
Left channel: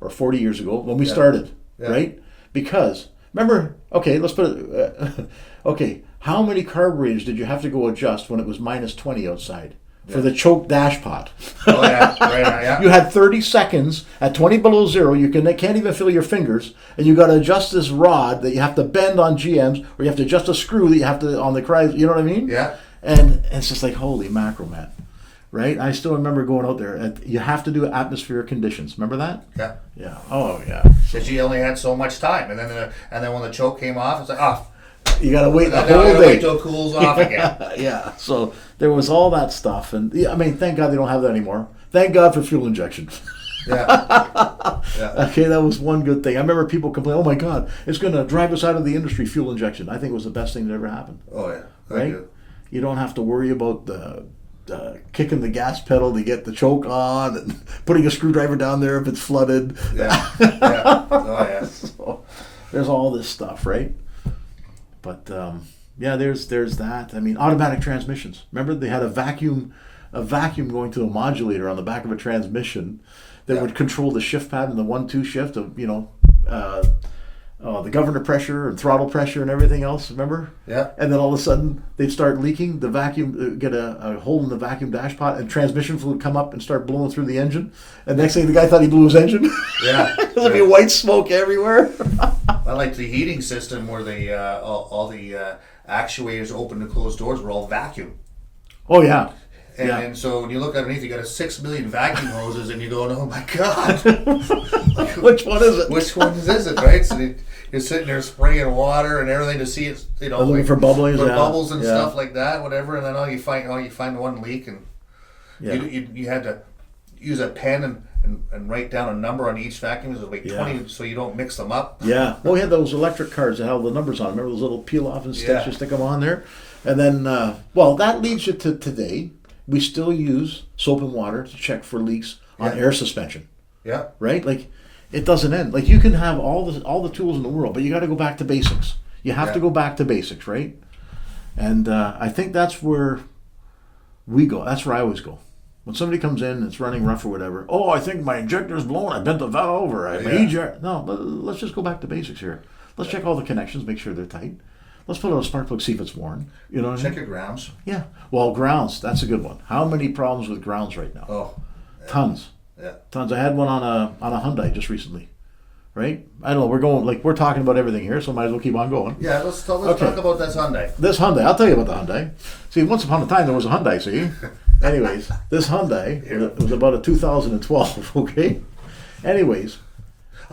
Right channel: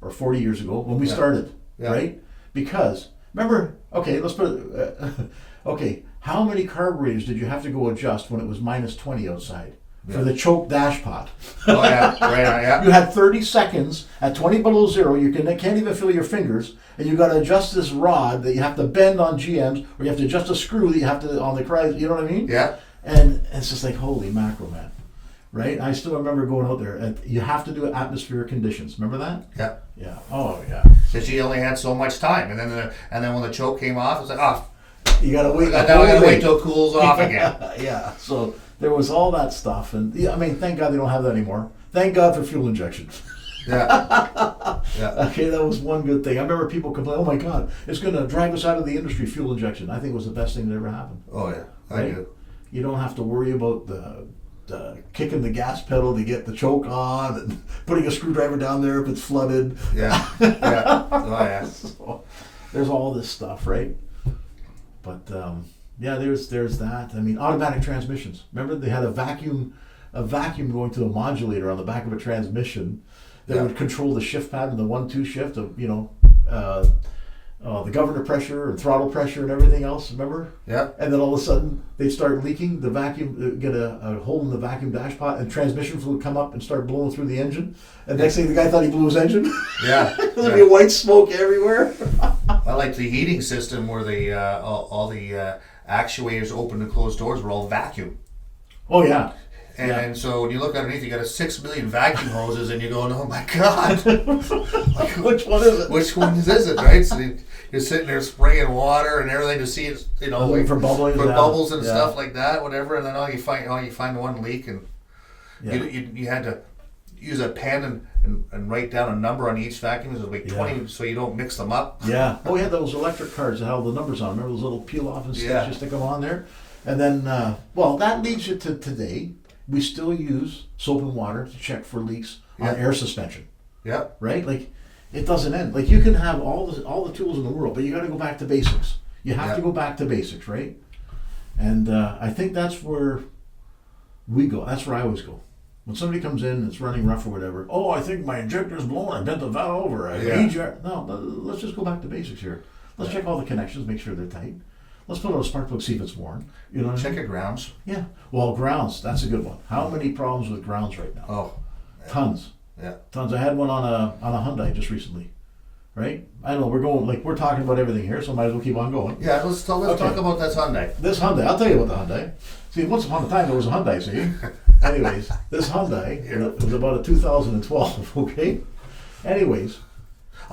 or 40 years ago when we started, right? Because, remember, let's put it, how many carburetors did you have to go adjust when it was minus 20 outside for the choke dash pot? Oh, yeah, right. You had 30 seconds at 20 below zero. You can't even feel your fingers, and you got to adjust this rod that you have to bend on GMs, or you have to adjust a screw that you have to on the Chrysler. You know what I mean? Yeah. And it's just like, holy mackerel, man. Right? I still remember going out there, and you have to do atmospheric conditions. Remember that? Yeah. Yeah. Oh, yeah. Because you only had so much time, and then when the choke came off, it's like, you gotta wait. I gotta wait till it cools off again. Yeah. So there was all that stuff, and thank God they don't have that anymore. Thank God for fuel injection. Yeah. Okay, that was one good thing. I remember people complaining, "Oh my God, it's gonna drive us out of the industry." Fuel injection. I think it was the best thing that ever happened. Oh yeah. Right? You don't have to worry about kicking the gas pedal to get the choke on and putting a screwdriver down there if it's flooded. Yeah. Yeah. Oh yeah. So, there's all this stuff, right? But yeah, there's that. I mean, automatic transmissions. Remember, they had a vacuum going to a modulator on the back of a transmission that would control the shift pattern, the 1-2 shift of the governor pressure and throttle pressure and everything else. Remember? Yeah. And then all of a sudden they'd start leaking. The vacuum get a hole in the vacuum dashpot, and transmission fluid would come up and start blowing through the engine. And next thing, the guy thought he blew his engine. Yeah. There'd be white smoke everywhere. I like the heating system where the all the actuators open and close doors were all vacuum. Oh yeah. And so when you look underneath, you got 6 million vacuum hoses, and you're going, "Oh my God, Which one is it? which one is it?" Right? So you're sitting there spraying water and everything to see it, like, for bubblings, for yeah. bubbles and Yeah. stuff like that, whatever. And then you find one leak, and Yeah. you had to use a pen and write down a number on each vacuum. It was like 20, so you don't mix them up. Yeah. Well, we had those electric cards that had all the numbers on them. Remember those little peel off and sticks? Yeah. You stick them on there. And then, that leads you to today. We still use soap and water to check for leaks on Yeah. air suspension, Yeah. right? Like, it doesn't end. Like, you can have all the tools in the world, but you got to go back to basics. You have to Yeah. go back to basics, right? And I think that's where we go. That's where I always go. When somebody comes in and it's running rough or whatever, oh, I think my injector's blown, I bent the valve, or I need your... No, let's just go back to basics here. Let's check all the connections, make sure they're tight. Let's put on a spark plug, see if it's worn. You know what I mean? Check your grounds. Yeah. Well, grounds, that's a good one. How many problems with grounds right now? Oh. Tons. Yeah. Tons. I had one on a Hyundai just recently. Right? I don't know, we're talking about everything here, so might as well keep on going. Yeah, let's talk about this Hyundai. This Hyundai, I'll tell you about the Hyundai. See, once upon a time there was a Hyundai, see? Anyways, this Hyundai, it was about a 2012, okay? Anyways.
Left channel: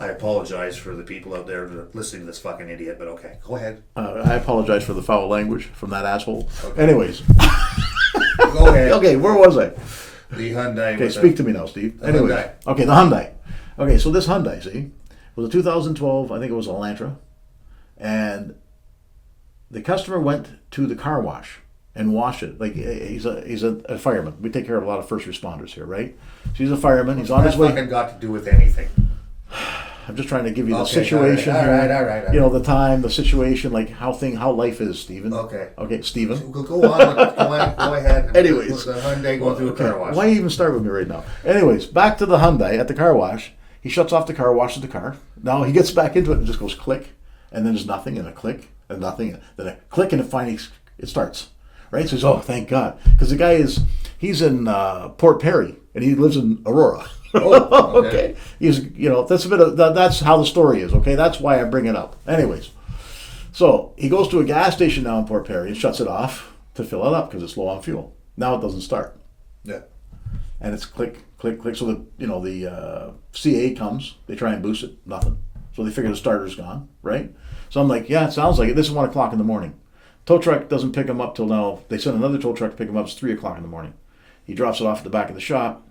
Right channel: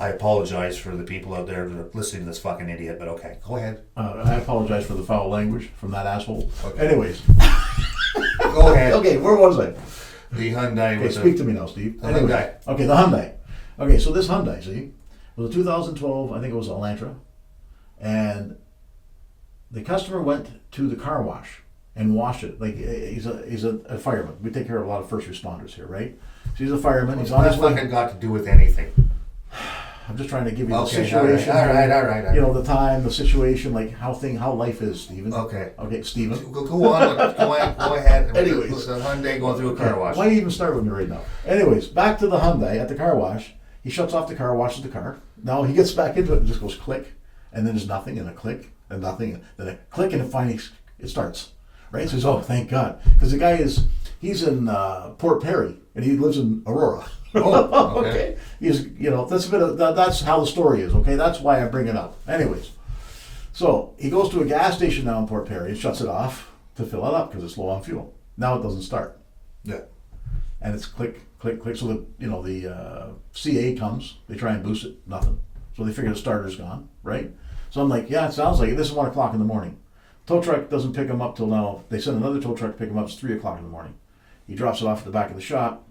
I apologize for the people out there listening to this fucking idiot, but okay, go ahead. I apologize for the foul language from that asshole. Okay. Anyways. Go ahead. Okay, where was I? The Hyundai. Okay, speak to me now, Steve. The Anyways. Hyundai. Okay, the Hyundai. Okay, so this Hyundai, see, was a 2012, I think it was a Elantra, and the customer went to the car wash and washed it. Like, he's a fireman. We take care of a lot of first responders here, right? So he's a fireman. He's on his way. Fucking got to do with anything. I'm just trying to give you the Okay, situation. all right, here. all right. You know, the time, the situation, like how life is, Stephen. Okay. Okay, Stephen. Go on. Go ahead. Anyways. The Hyundai going through a car wash. Why even start with me right now? Anyways, back to the Hyundai at the car wash. He shuts off the car, washes the car. Now he gets back into it and just goes click, and then there's nothing, and a click, and nothing, and then a click, and then finally it starts. Right? So he's, oh, thank God. Because the guy he's in Port Perry, and he lives in Aurora. Oh, Okay. He's, that's how the story is, okay? That's why I bring it up. Anyways, so he goes to a gas station now in Port Perry and shuts it off to fill it up because it's low on fuel. Now it doesn't start. Yeah. And it's click, click, click. So the CA comes, they try and boost it, nothing. So they figure the starter's gone, right? So I'm like, yeah, it sounds like it. This is 1 o'clock in the morning. Tow truck doesn't pick him up till now. They send another tow truck to pick him up. It's 3 o'clock in the morning. He drops it off at the back of the shop.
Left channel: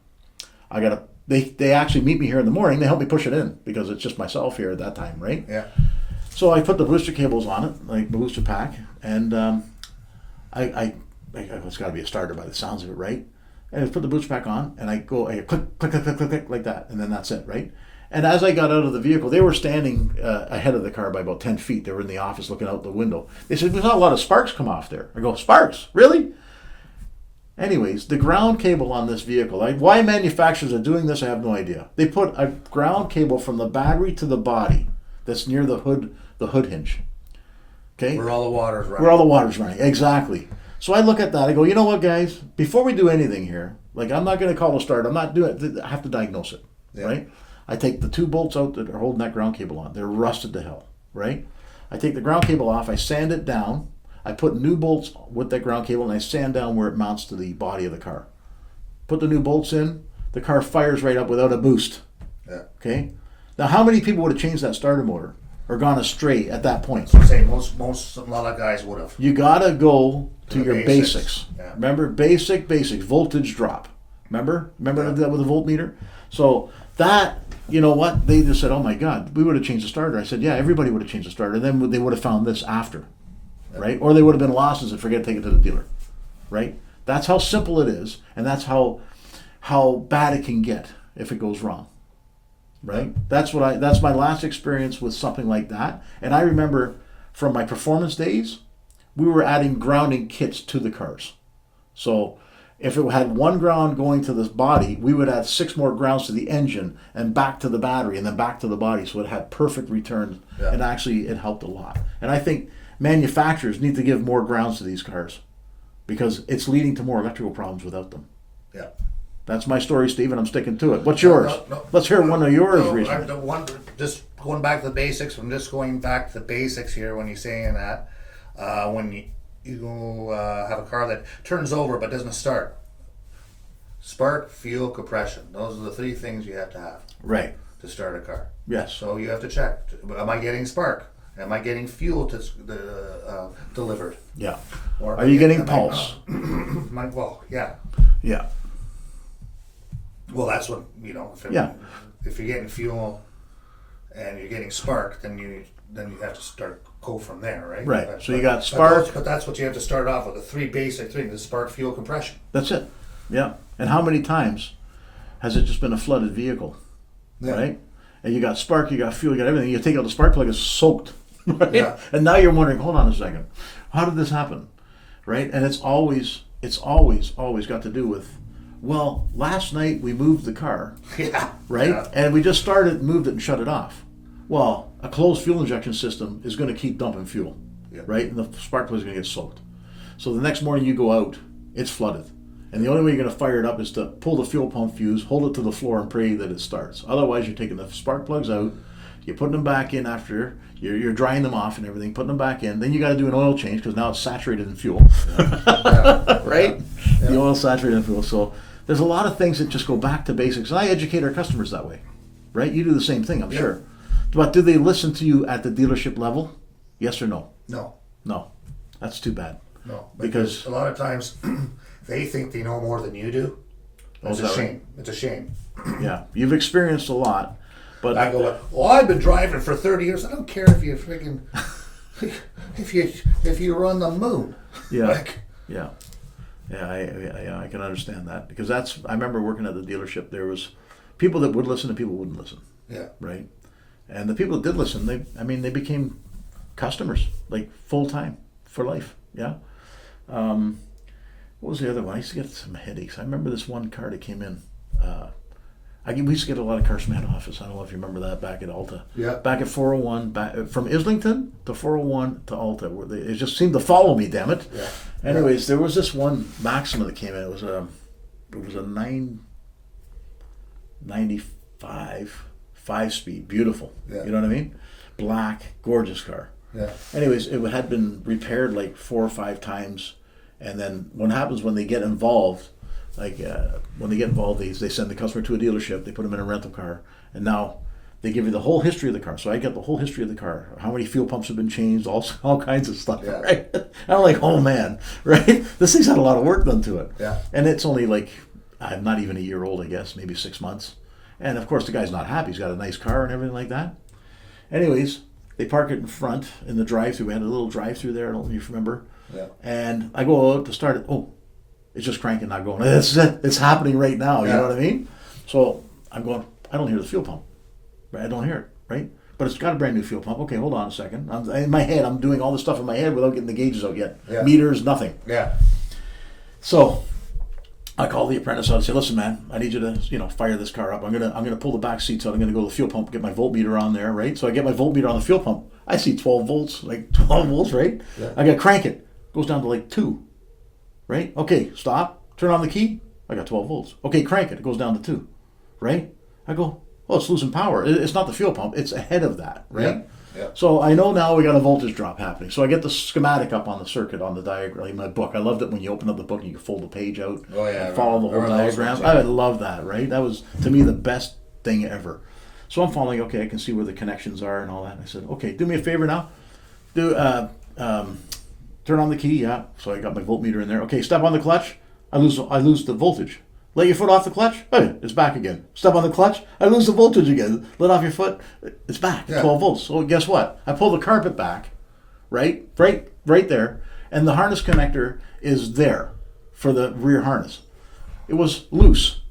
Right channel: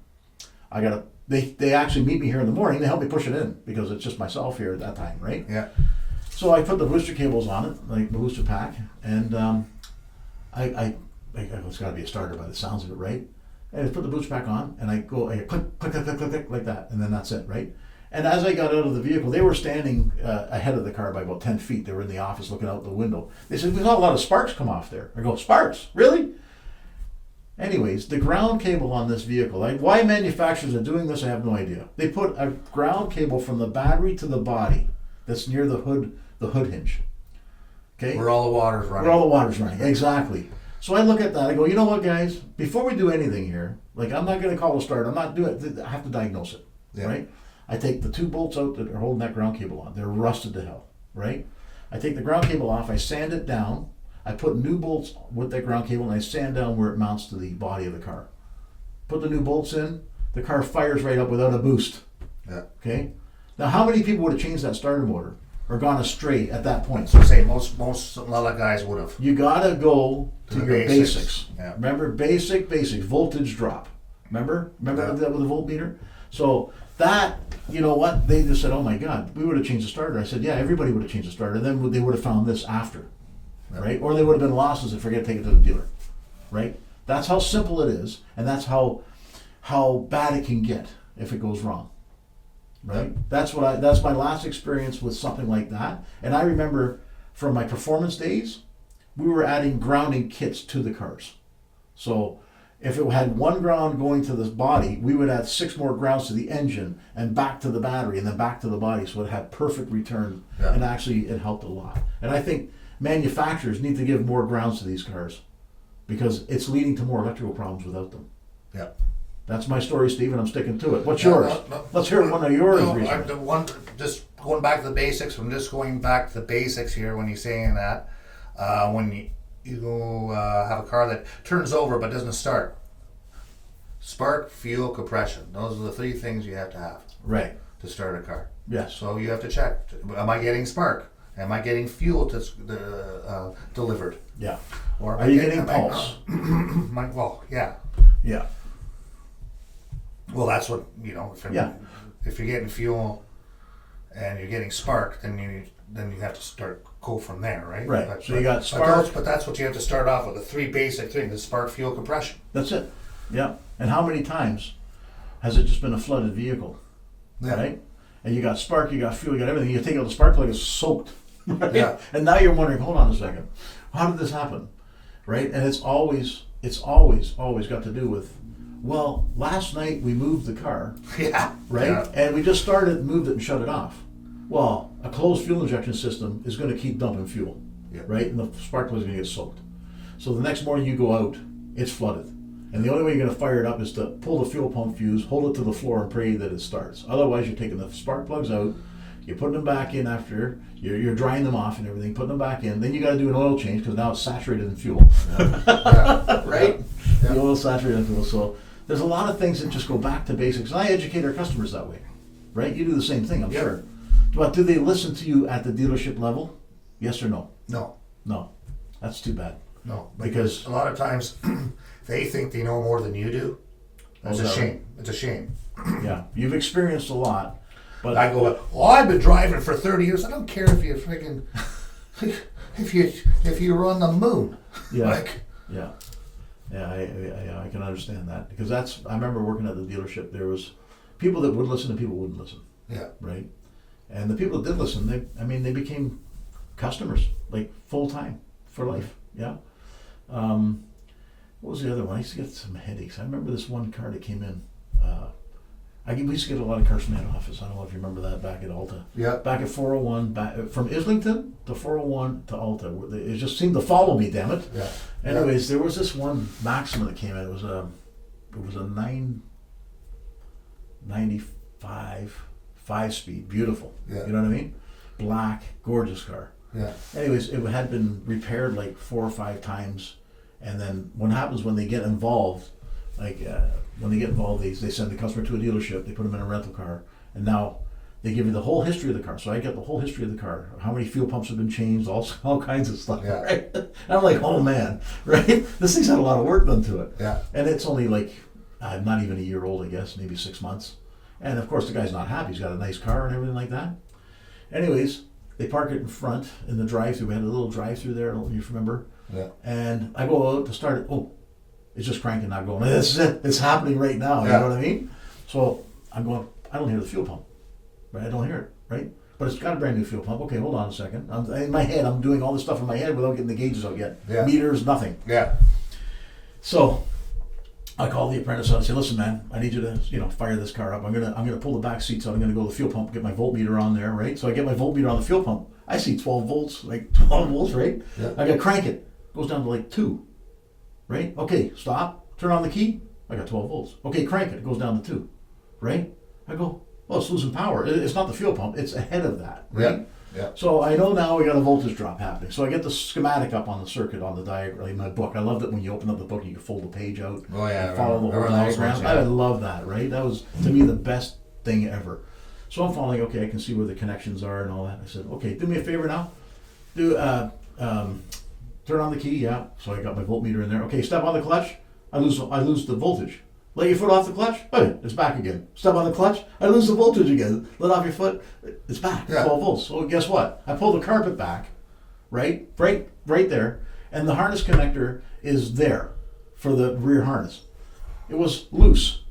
They actually meet me here in the morning. They help me push it in because it's just myself here at that time, right? Yeah. So I put the booster cables on it, like the booster pack, and it's got to be a starter by the sounds of it, right? And I put the booster pack on, and I click, click, click, click, click, click, like that, and then that's it, right? And as I got out of the vehicle, they were standing ahead of the car by about 10 feet. They were in the office looking out the window. They said, we saw a lot of sparks come off there. I go, sparks? Really? Anyways, the ground cable on this vehicle, why manufacturers are doing this, I have no idea. They put a ground cable from the battery to the body that's near the hood hinge. Okay? Where all the water's running. Where all the water's running, exactly. So I look at that, I go, you know what, guys? Before we do anything here, like, I'm not going to call a start. I'm not doing it. I have to diagnose it, right? I take the 2 bolts out that are holding that ground cable on. They're rusted to hell, right? I take the ground cable off, I sand it down, I put new bolts with that ground cable, and I sand down where it mounts to the body of the car. Put the new bolts in, the car fires right up without a boost. Yeah. Okay? Now, how many people would have changed that starter motor or gone astray at that point? So say most a lot of guys would have. You gotta go to The your basics. basics. Yeah. Remember, basics, voltage drop. Remember Yeah. that with the voltmeter? So that, you know what? They just said, oh my God, we would have changed the starter. I said, yeah, everybody would have changed the starter. Then they would have found this after, right? Or they would have been losses and forget to take it to the dealer. right? That's how simple it is, and that's how bad it can get if it goes wrong, right? That's my last experience with something like that. And I remember from my performance days, we were adding grounding kits to the cars. So if it had one ground going to this body, we would add 6 more grounds to the engine and back to the battery and then back to the body, so it had perfect return. Yeah. And actually it helped a lot. And I think manufacturers need to give more grounds to these cars because it's leading to more electrical problems without them. Yeah. That's my story, Steve, and I'm sticking to it. What's yours? No. Let's hear one of yours. Just going back to the basics. I'm just going back to the basics here when you're saying that. When you have a car that turns over but doesn't start. Spark, fuel, compression. Those are the 3 things you have to have Right. to start a car. Yes. So you have to check. Am I getting spark? Am I getting fuel delivered? Yeah. Or Are you getting pulse? Well, yeah. Yeah. Well, that's what, Yeah. if you're getting fuel and you're getting spark, then you have to start go from there, right? Right. So you got spark. But that's what you have to start off with, the 3 basic things: the spark, fuel, compression. That's it. Yeah. And how many times has it just been a flooded vehicle? Yeah. Right? And you got spark, you got fuel, you got everything. You take out the spark plug, it's soaked. Right? Yeah. And now you're wondering, hold on a second, how did this happen? Right? And it's always got to do with, well, last night we moved the car. Yeah. Right? Yeah. And we just started and moved it and shut it off. Well, a closed fuel injection system is going to keep dumping fuel. Yeah. Right? And the spark plug is going to get soaked. So the next morning you go out, it's flooded. And the only way you're going to fire it up is to pull the fuel pump fuse, hold it to the floor, and pray that it starts. Otherwise, you're taking the spark plugs out, you're putting them back in after, you're drying them off and everything, putting them back in. Then you got to do an oil change because now it's saturated in fuel. Yeah. Right? Yeah. The oil's saturated in fuel. So there's a lot of things that just go back to basics. And I educate our customers that way. Right? You do the same thing, I'm Yeah. sure. But do they listen to you at the dealership level? Yes or no? No. No. That's too bad. No. Because a lot of times they think they know more than you do. It's a shame. It's a shame. Yeah. You've experienced a lot. But I go, well, I've been driving for 30 years. I don't care if you freaking if you run the moon. Yeah. Like, Yeah. Yeah, I can understand that because I remember working at the dealership. There was people that would listen and people wouldn't listen. yeah. Right? And the people that did listen, they became customers, like full time for life. Yeah. What was the other one? I used to get some headaches. I remember this one car that came in. We used to get a lot of cars from head office. I don't know if you remember that back at Alta. Yeah. Back at 401, from Islington to 401 to Alta, where it just seemed to follow me. Damn it. Yeah. Anyways, there was this one Maxima that came in. It was a 995 5-speed, beautiful. Yeah. You know what I mean? Black, gorgeous car. Yeah. Anyways, it had been repaired like 4 or 5 times, and then what happens when they get involved? They send the customer to a dealership, they put them in a rental car, and now they give you the whole history of the car. So I get the whole history of the car, how many fuel pumps have been changed, all kinds of stuff, Yeah. right? And I'm like, oh man, right? This thing's had a lot of work done to it. Yeah. And it's only like, not even a year old, I guess, maybe 6 months. And of course the guy's not happy, he's got a nice car and everything like that. Anyways, they park it in front in the drive-through. We had a little drive-through there, I don't know if you remember. Yeah. And I go out to start it, oh, it's just cranking, not going. It's happening right now. You Yeah. know what I mean? So I'm going. I don't hear the fuel pump. Right? I don't hear it. Right? But it's got a brand new fuel pump. Okay, hold on a second. In my head, I'm doing all this stuff in my head without getting the gauges out yet. Yeah. Meters, nothing. Yeah. So I called the apprentice out and said, "Listen, man, I need you to fire this car up. I'm gonna pull the back seats out. I'm gonna go to the fuel pump, get my voltmeter on there. Right? So I get my voltmeter on the fuel pump. I see 12 volts, like 12 volts. Right? Yeah. I gotta crank it. Goes down to like 2. Right? Okay, stop. Turn on the key. I got 12 volts. Okay, crank it. It goes down to 2. Right? I go, well, it's losing power. It's not the fuel pump. It's ahead of that. Right? Yeah. So I know now we got a voltage drop happening. So I get the schematic up on the circuit on the diagram in my book. I loved it when you open up the book and you can fold the page out Oh yeah. and follow the whole Remember those diagram. ones, I yeah. love that, right? That was, to me, the best thing ever. So I'm following, okay, I can see where the connections are and all that. I said, okay, do me a favor now. Turn on the key, yeah. So I got my voltmeter in there. Okay, step on the clutch. I lose the voltage. Let your foot off the clutch. Hey, it's back again. Step on the clutch. I lose the voltage again. Let off your foot. It's back. Yeah. 12 volts. So guess what? I pull the carpet back, right there, and the harness connector is there. for the rear harness. It was loose.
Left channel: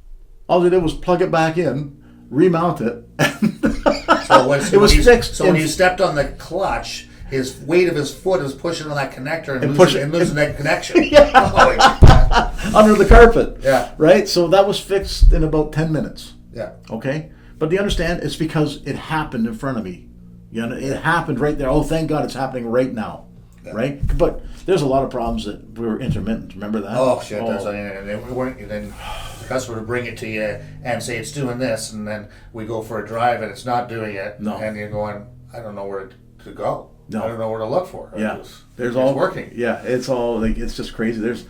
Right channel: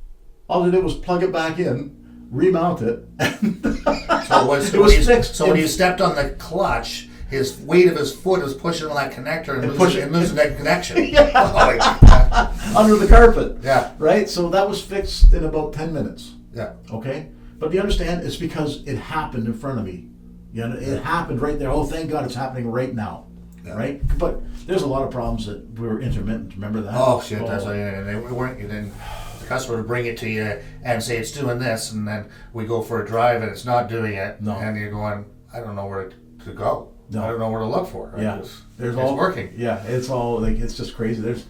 All they did was plug it back in, remount it, and it was fixed. So when you stepped on the clutch, his weight of his foot was pushing on that connector and losing that connection. Yeah. Under the carpet. Yeah. Right? So that was fixed in about 10 minutes. Yeah. Okay? But do you understand? It's because it happened in front of me. You know, it happened right there. Oh, thank God it's happening right now. Yeah. Right? But there's a lot of problems that were intermittent. Remember that? Oh, shit. That's they weren't. Then the customer would bring it to you and say it's doing this, and then we go for a drive and it's not doing it. No. And you're going, I don't know where to go. No. I don't know where to look for. Yeah. It's working. Yeah. It's all like, it's just crazy. There was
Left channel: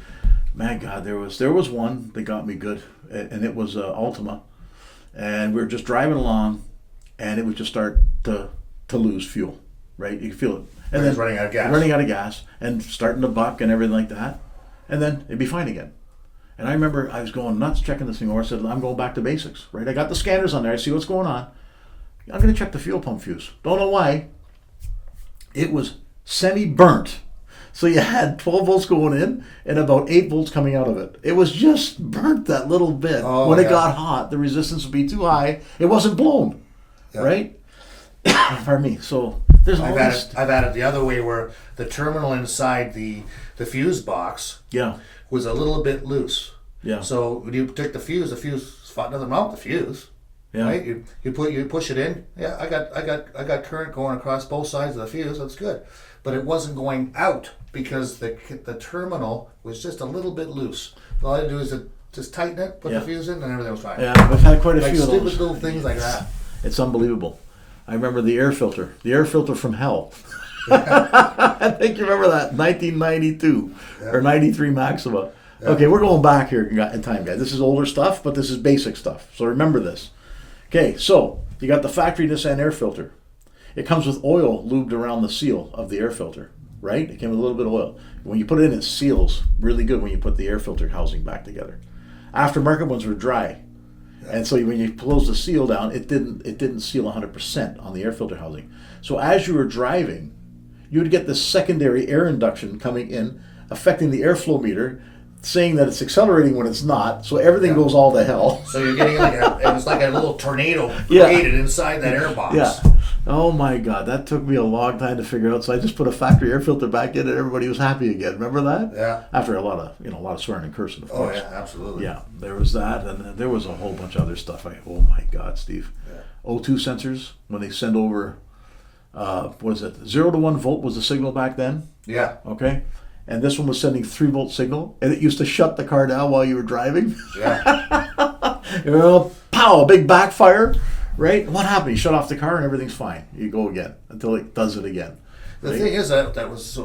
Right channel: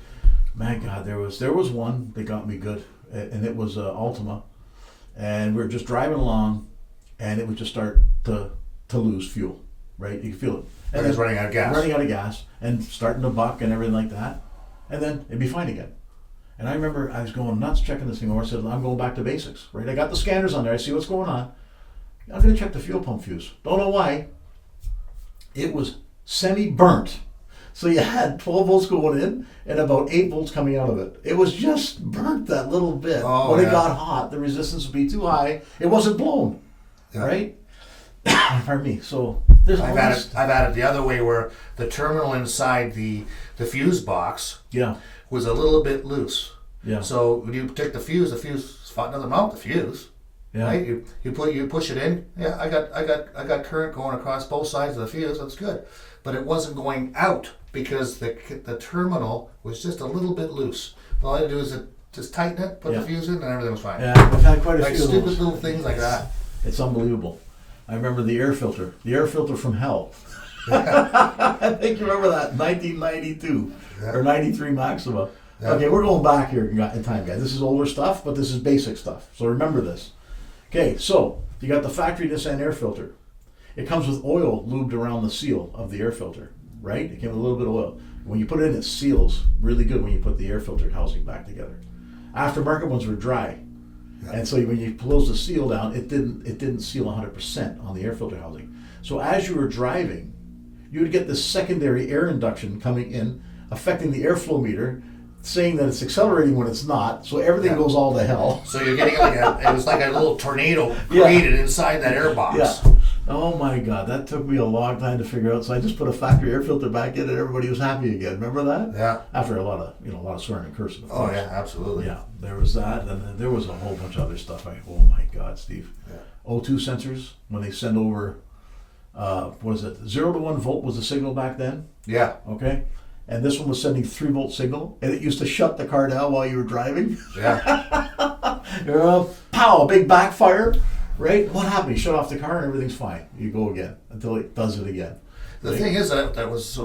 one that got me good, and it was Ultima, and we were just driving along, and it would just start to lose fuel, right? You feel it, and then running out of gas, and starting to buck and everything like that, and then it'd be fine again. And I remember I was going nuts checking this thing over. I said, I'm going back to basics, right? I got the scanners on there. I see what's going on. I'm going to check the fuel pump fuse. Don't know why. It was semi-burnt. So you had 12 volts going in and about 8 volts coming out of it. It was just burnt that little bit. When it got hot, the resistance would be too high. It wasn't blown, right? Pardon me. So there's I've had it the other way where the terminal inside the fuse box was a little bit loose. Yeah. So when you take the fuse doesn't mount the fuse. Yeah. Right? You push it in. Yeah, I got current going across both sides of the fuse. That's good. But it wasn't going out because the terminal was just a little bit loose. All I had to do is just tighten it, put the fuse in, and everything was fine. Yeah, we've had quite a few of those. Stupid little things like that. It's unbelievable. I remember the air filter from hell. I think you remember that, 1992 or 93 Maxima. Yeah. Okay, we're going back here in time, guys. This is older stuff, but this is basic stuff. So remember this. Okay, so you got the factory Nissan air filter. It comes with oil lubed around the seal of the air filter, right? It came with a little bit of oil. When you put it in, it seals really good when you put the air filter housing back together. Aftermarket ones were dry. Yeah. And so when you close the seal down, it didn't seal 100% on the air filter housing. So as you were driving, you would get this secondary air induction coming in, affecting the airflow meter, saying that it's accelerating when it's not, so everything goes all to hell. So you're getting it was like a little tornado created inside that air box. Yeah. Oh my God, that took me a long time to figure out. So I just put a factory air filter back in, and everybody was happy again. Remember that? Yeah. After a lot of swearing and cursing. Of course. Oh yeah, absolutely. Yeah, there was that, and then there was a whole bunch of other stuff. Oh my God, Steve. Yeah. O2 sensors when they send over, what is it? 0 to 1 volt was the signal back then. Yeah. Okay. And this one was sending 3 volt signal, and it used to shut the car down while you were driving. Yeah. Pow, a big backfire, right? What happened? You shut off the car and everything's fine. You go again until it does it again. The thing is that was so.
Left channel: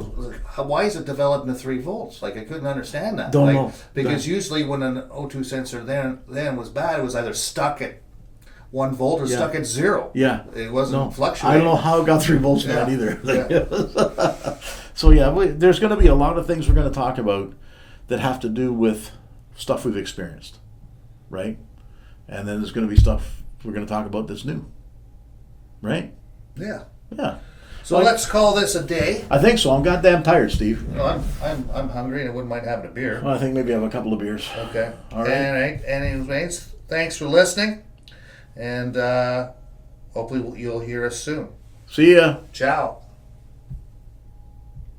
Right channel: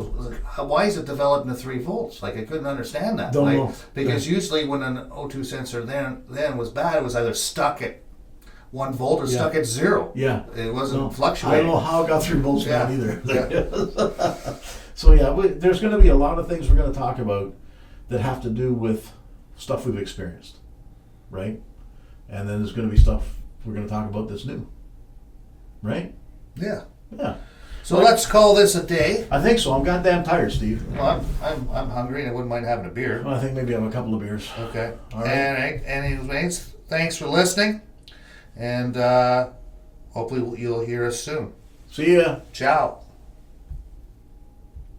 Why is it developed into 3 volts? Like I couldn't understand that. Don't know. Because usually when an O2 sensor then was bad, it was either stuck at 1 volt or stuck at 0. Yeah. It wasn't fluctuating. I don't know how it got 3 volts down either. Yeah. So there's going to be a lot of things we're going to talk about that have to do with stuff we've experienced, right? And then there's going to be stuff we're going to talk about that's new, right? Yeah. Yeah. So let's call this a day. I think so. I'm goddamn tired, Steve. Well, I'm hungry and I wouldn't mind having a beer. Well, I think maybe I have a couple of beers. Okay. All right. Anyways, thanks for listening, and hopefully you'll hear us soon. See ya. Ciao.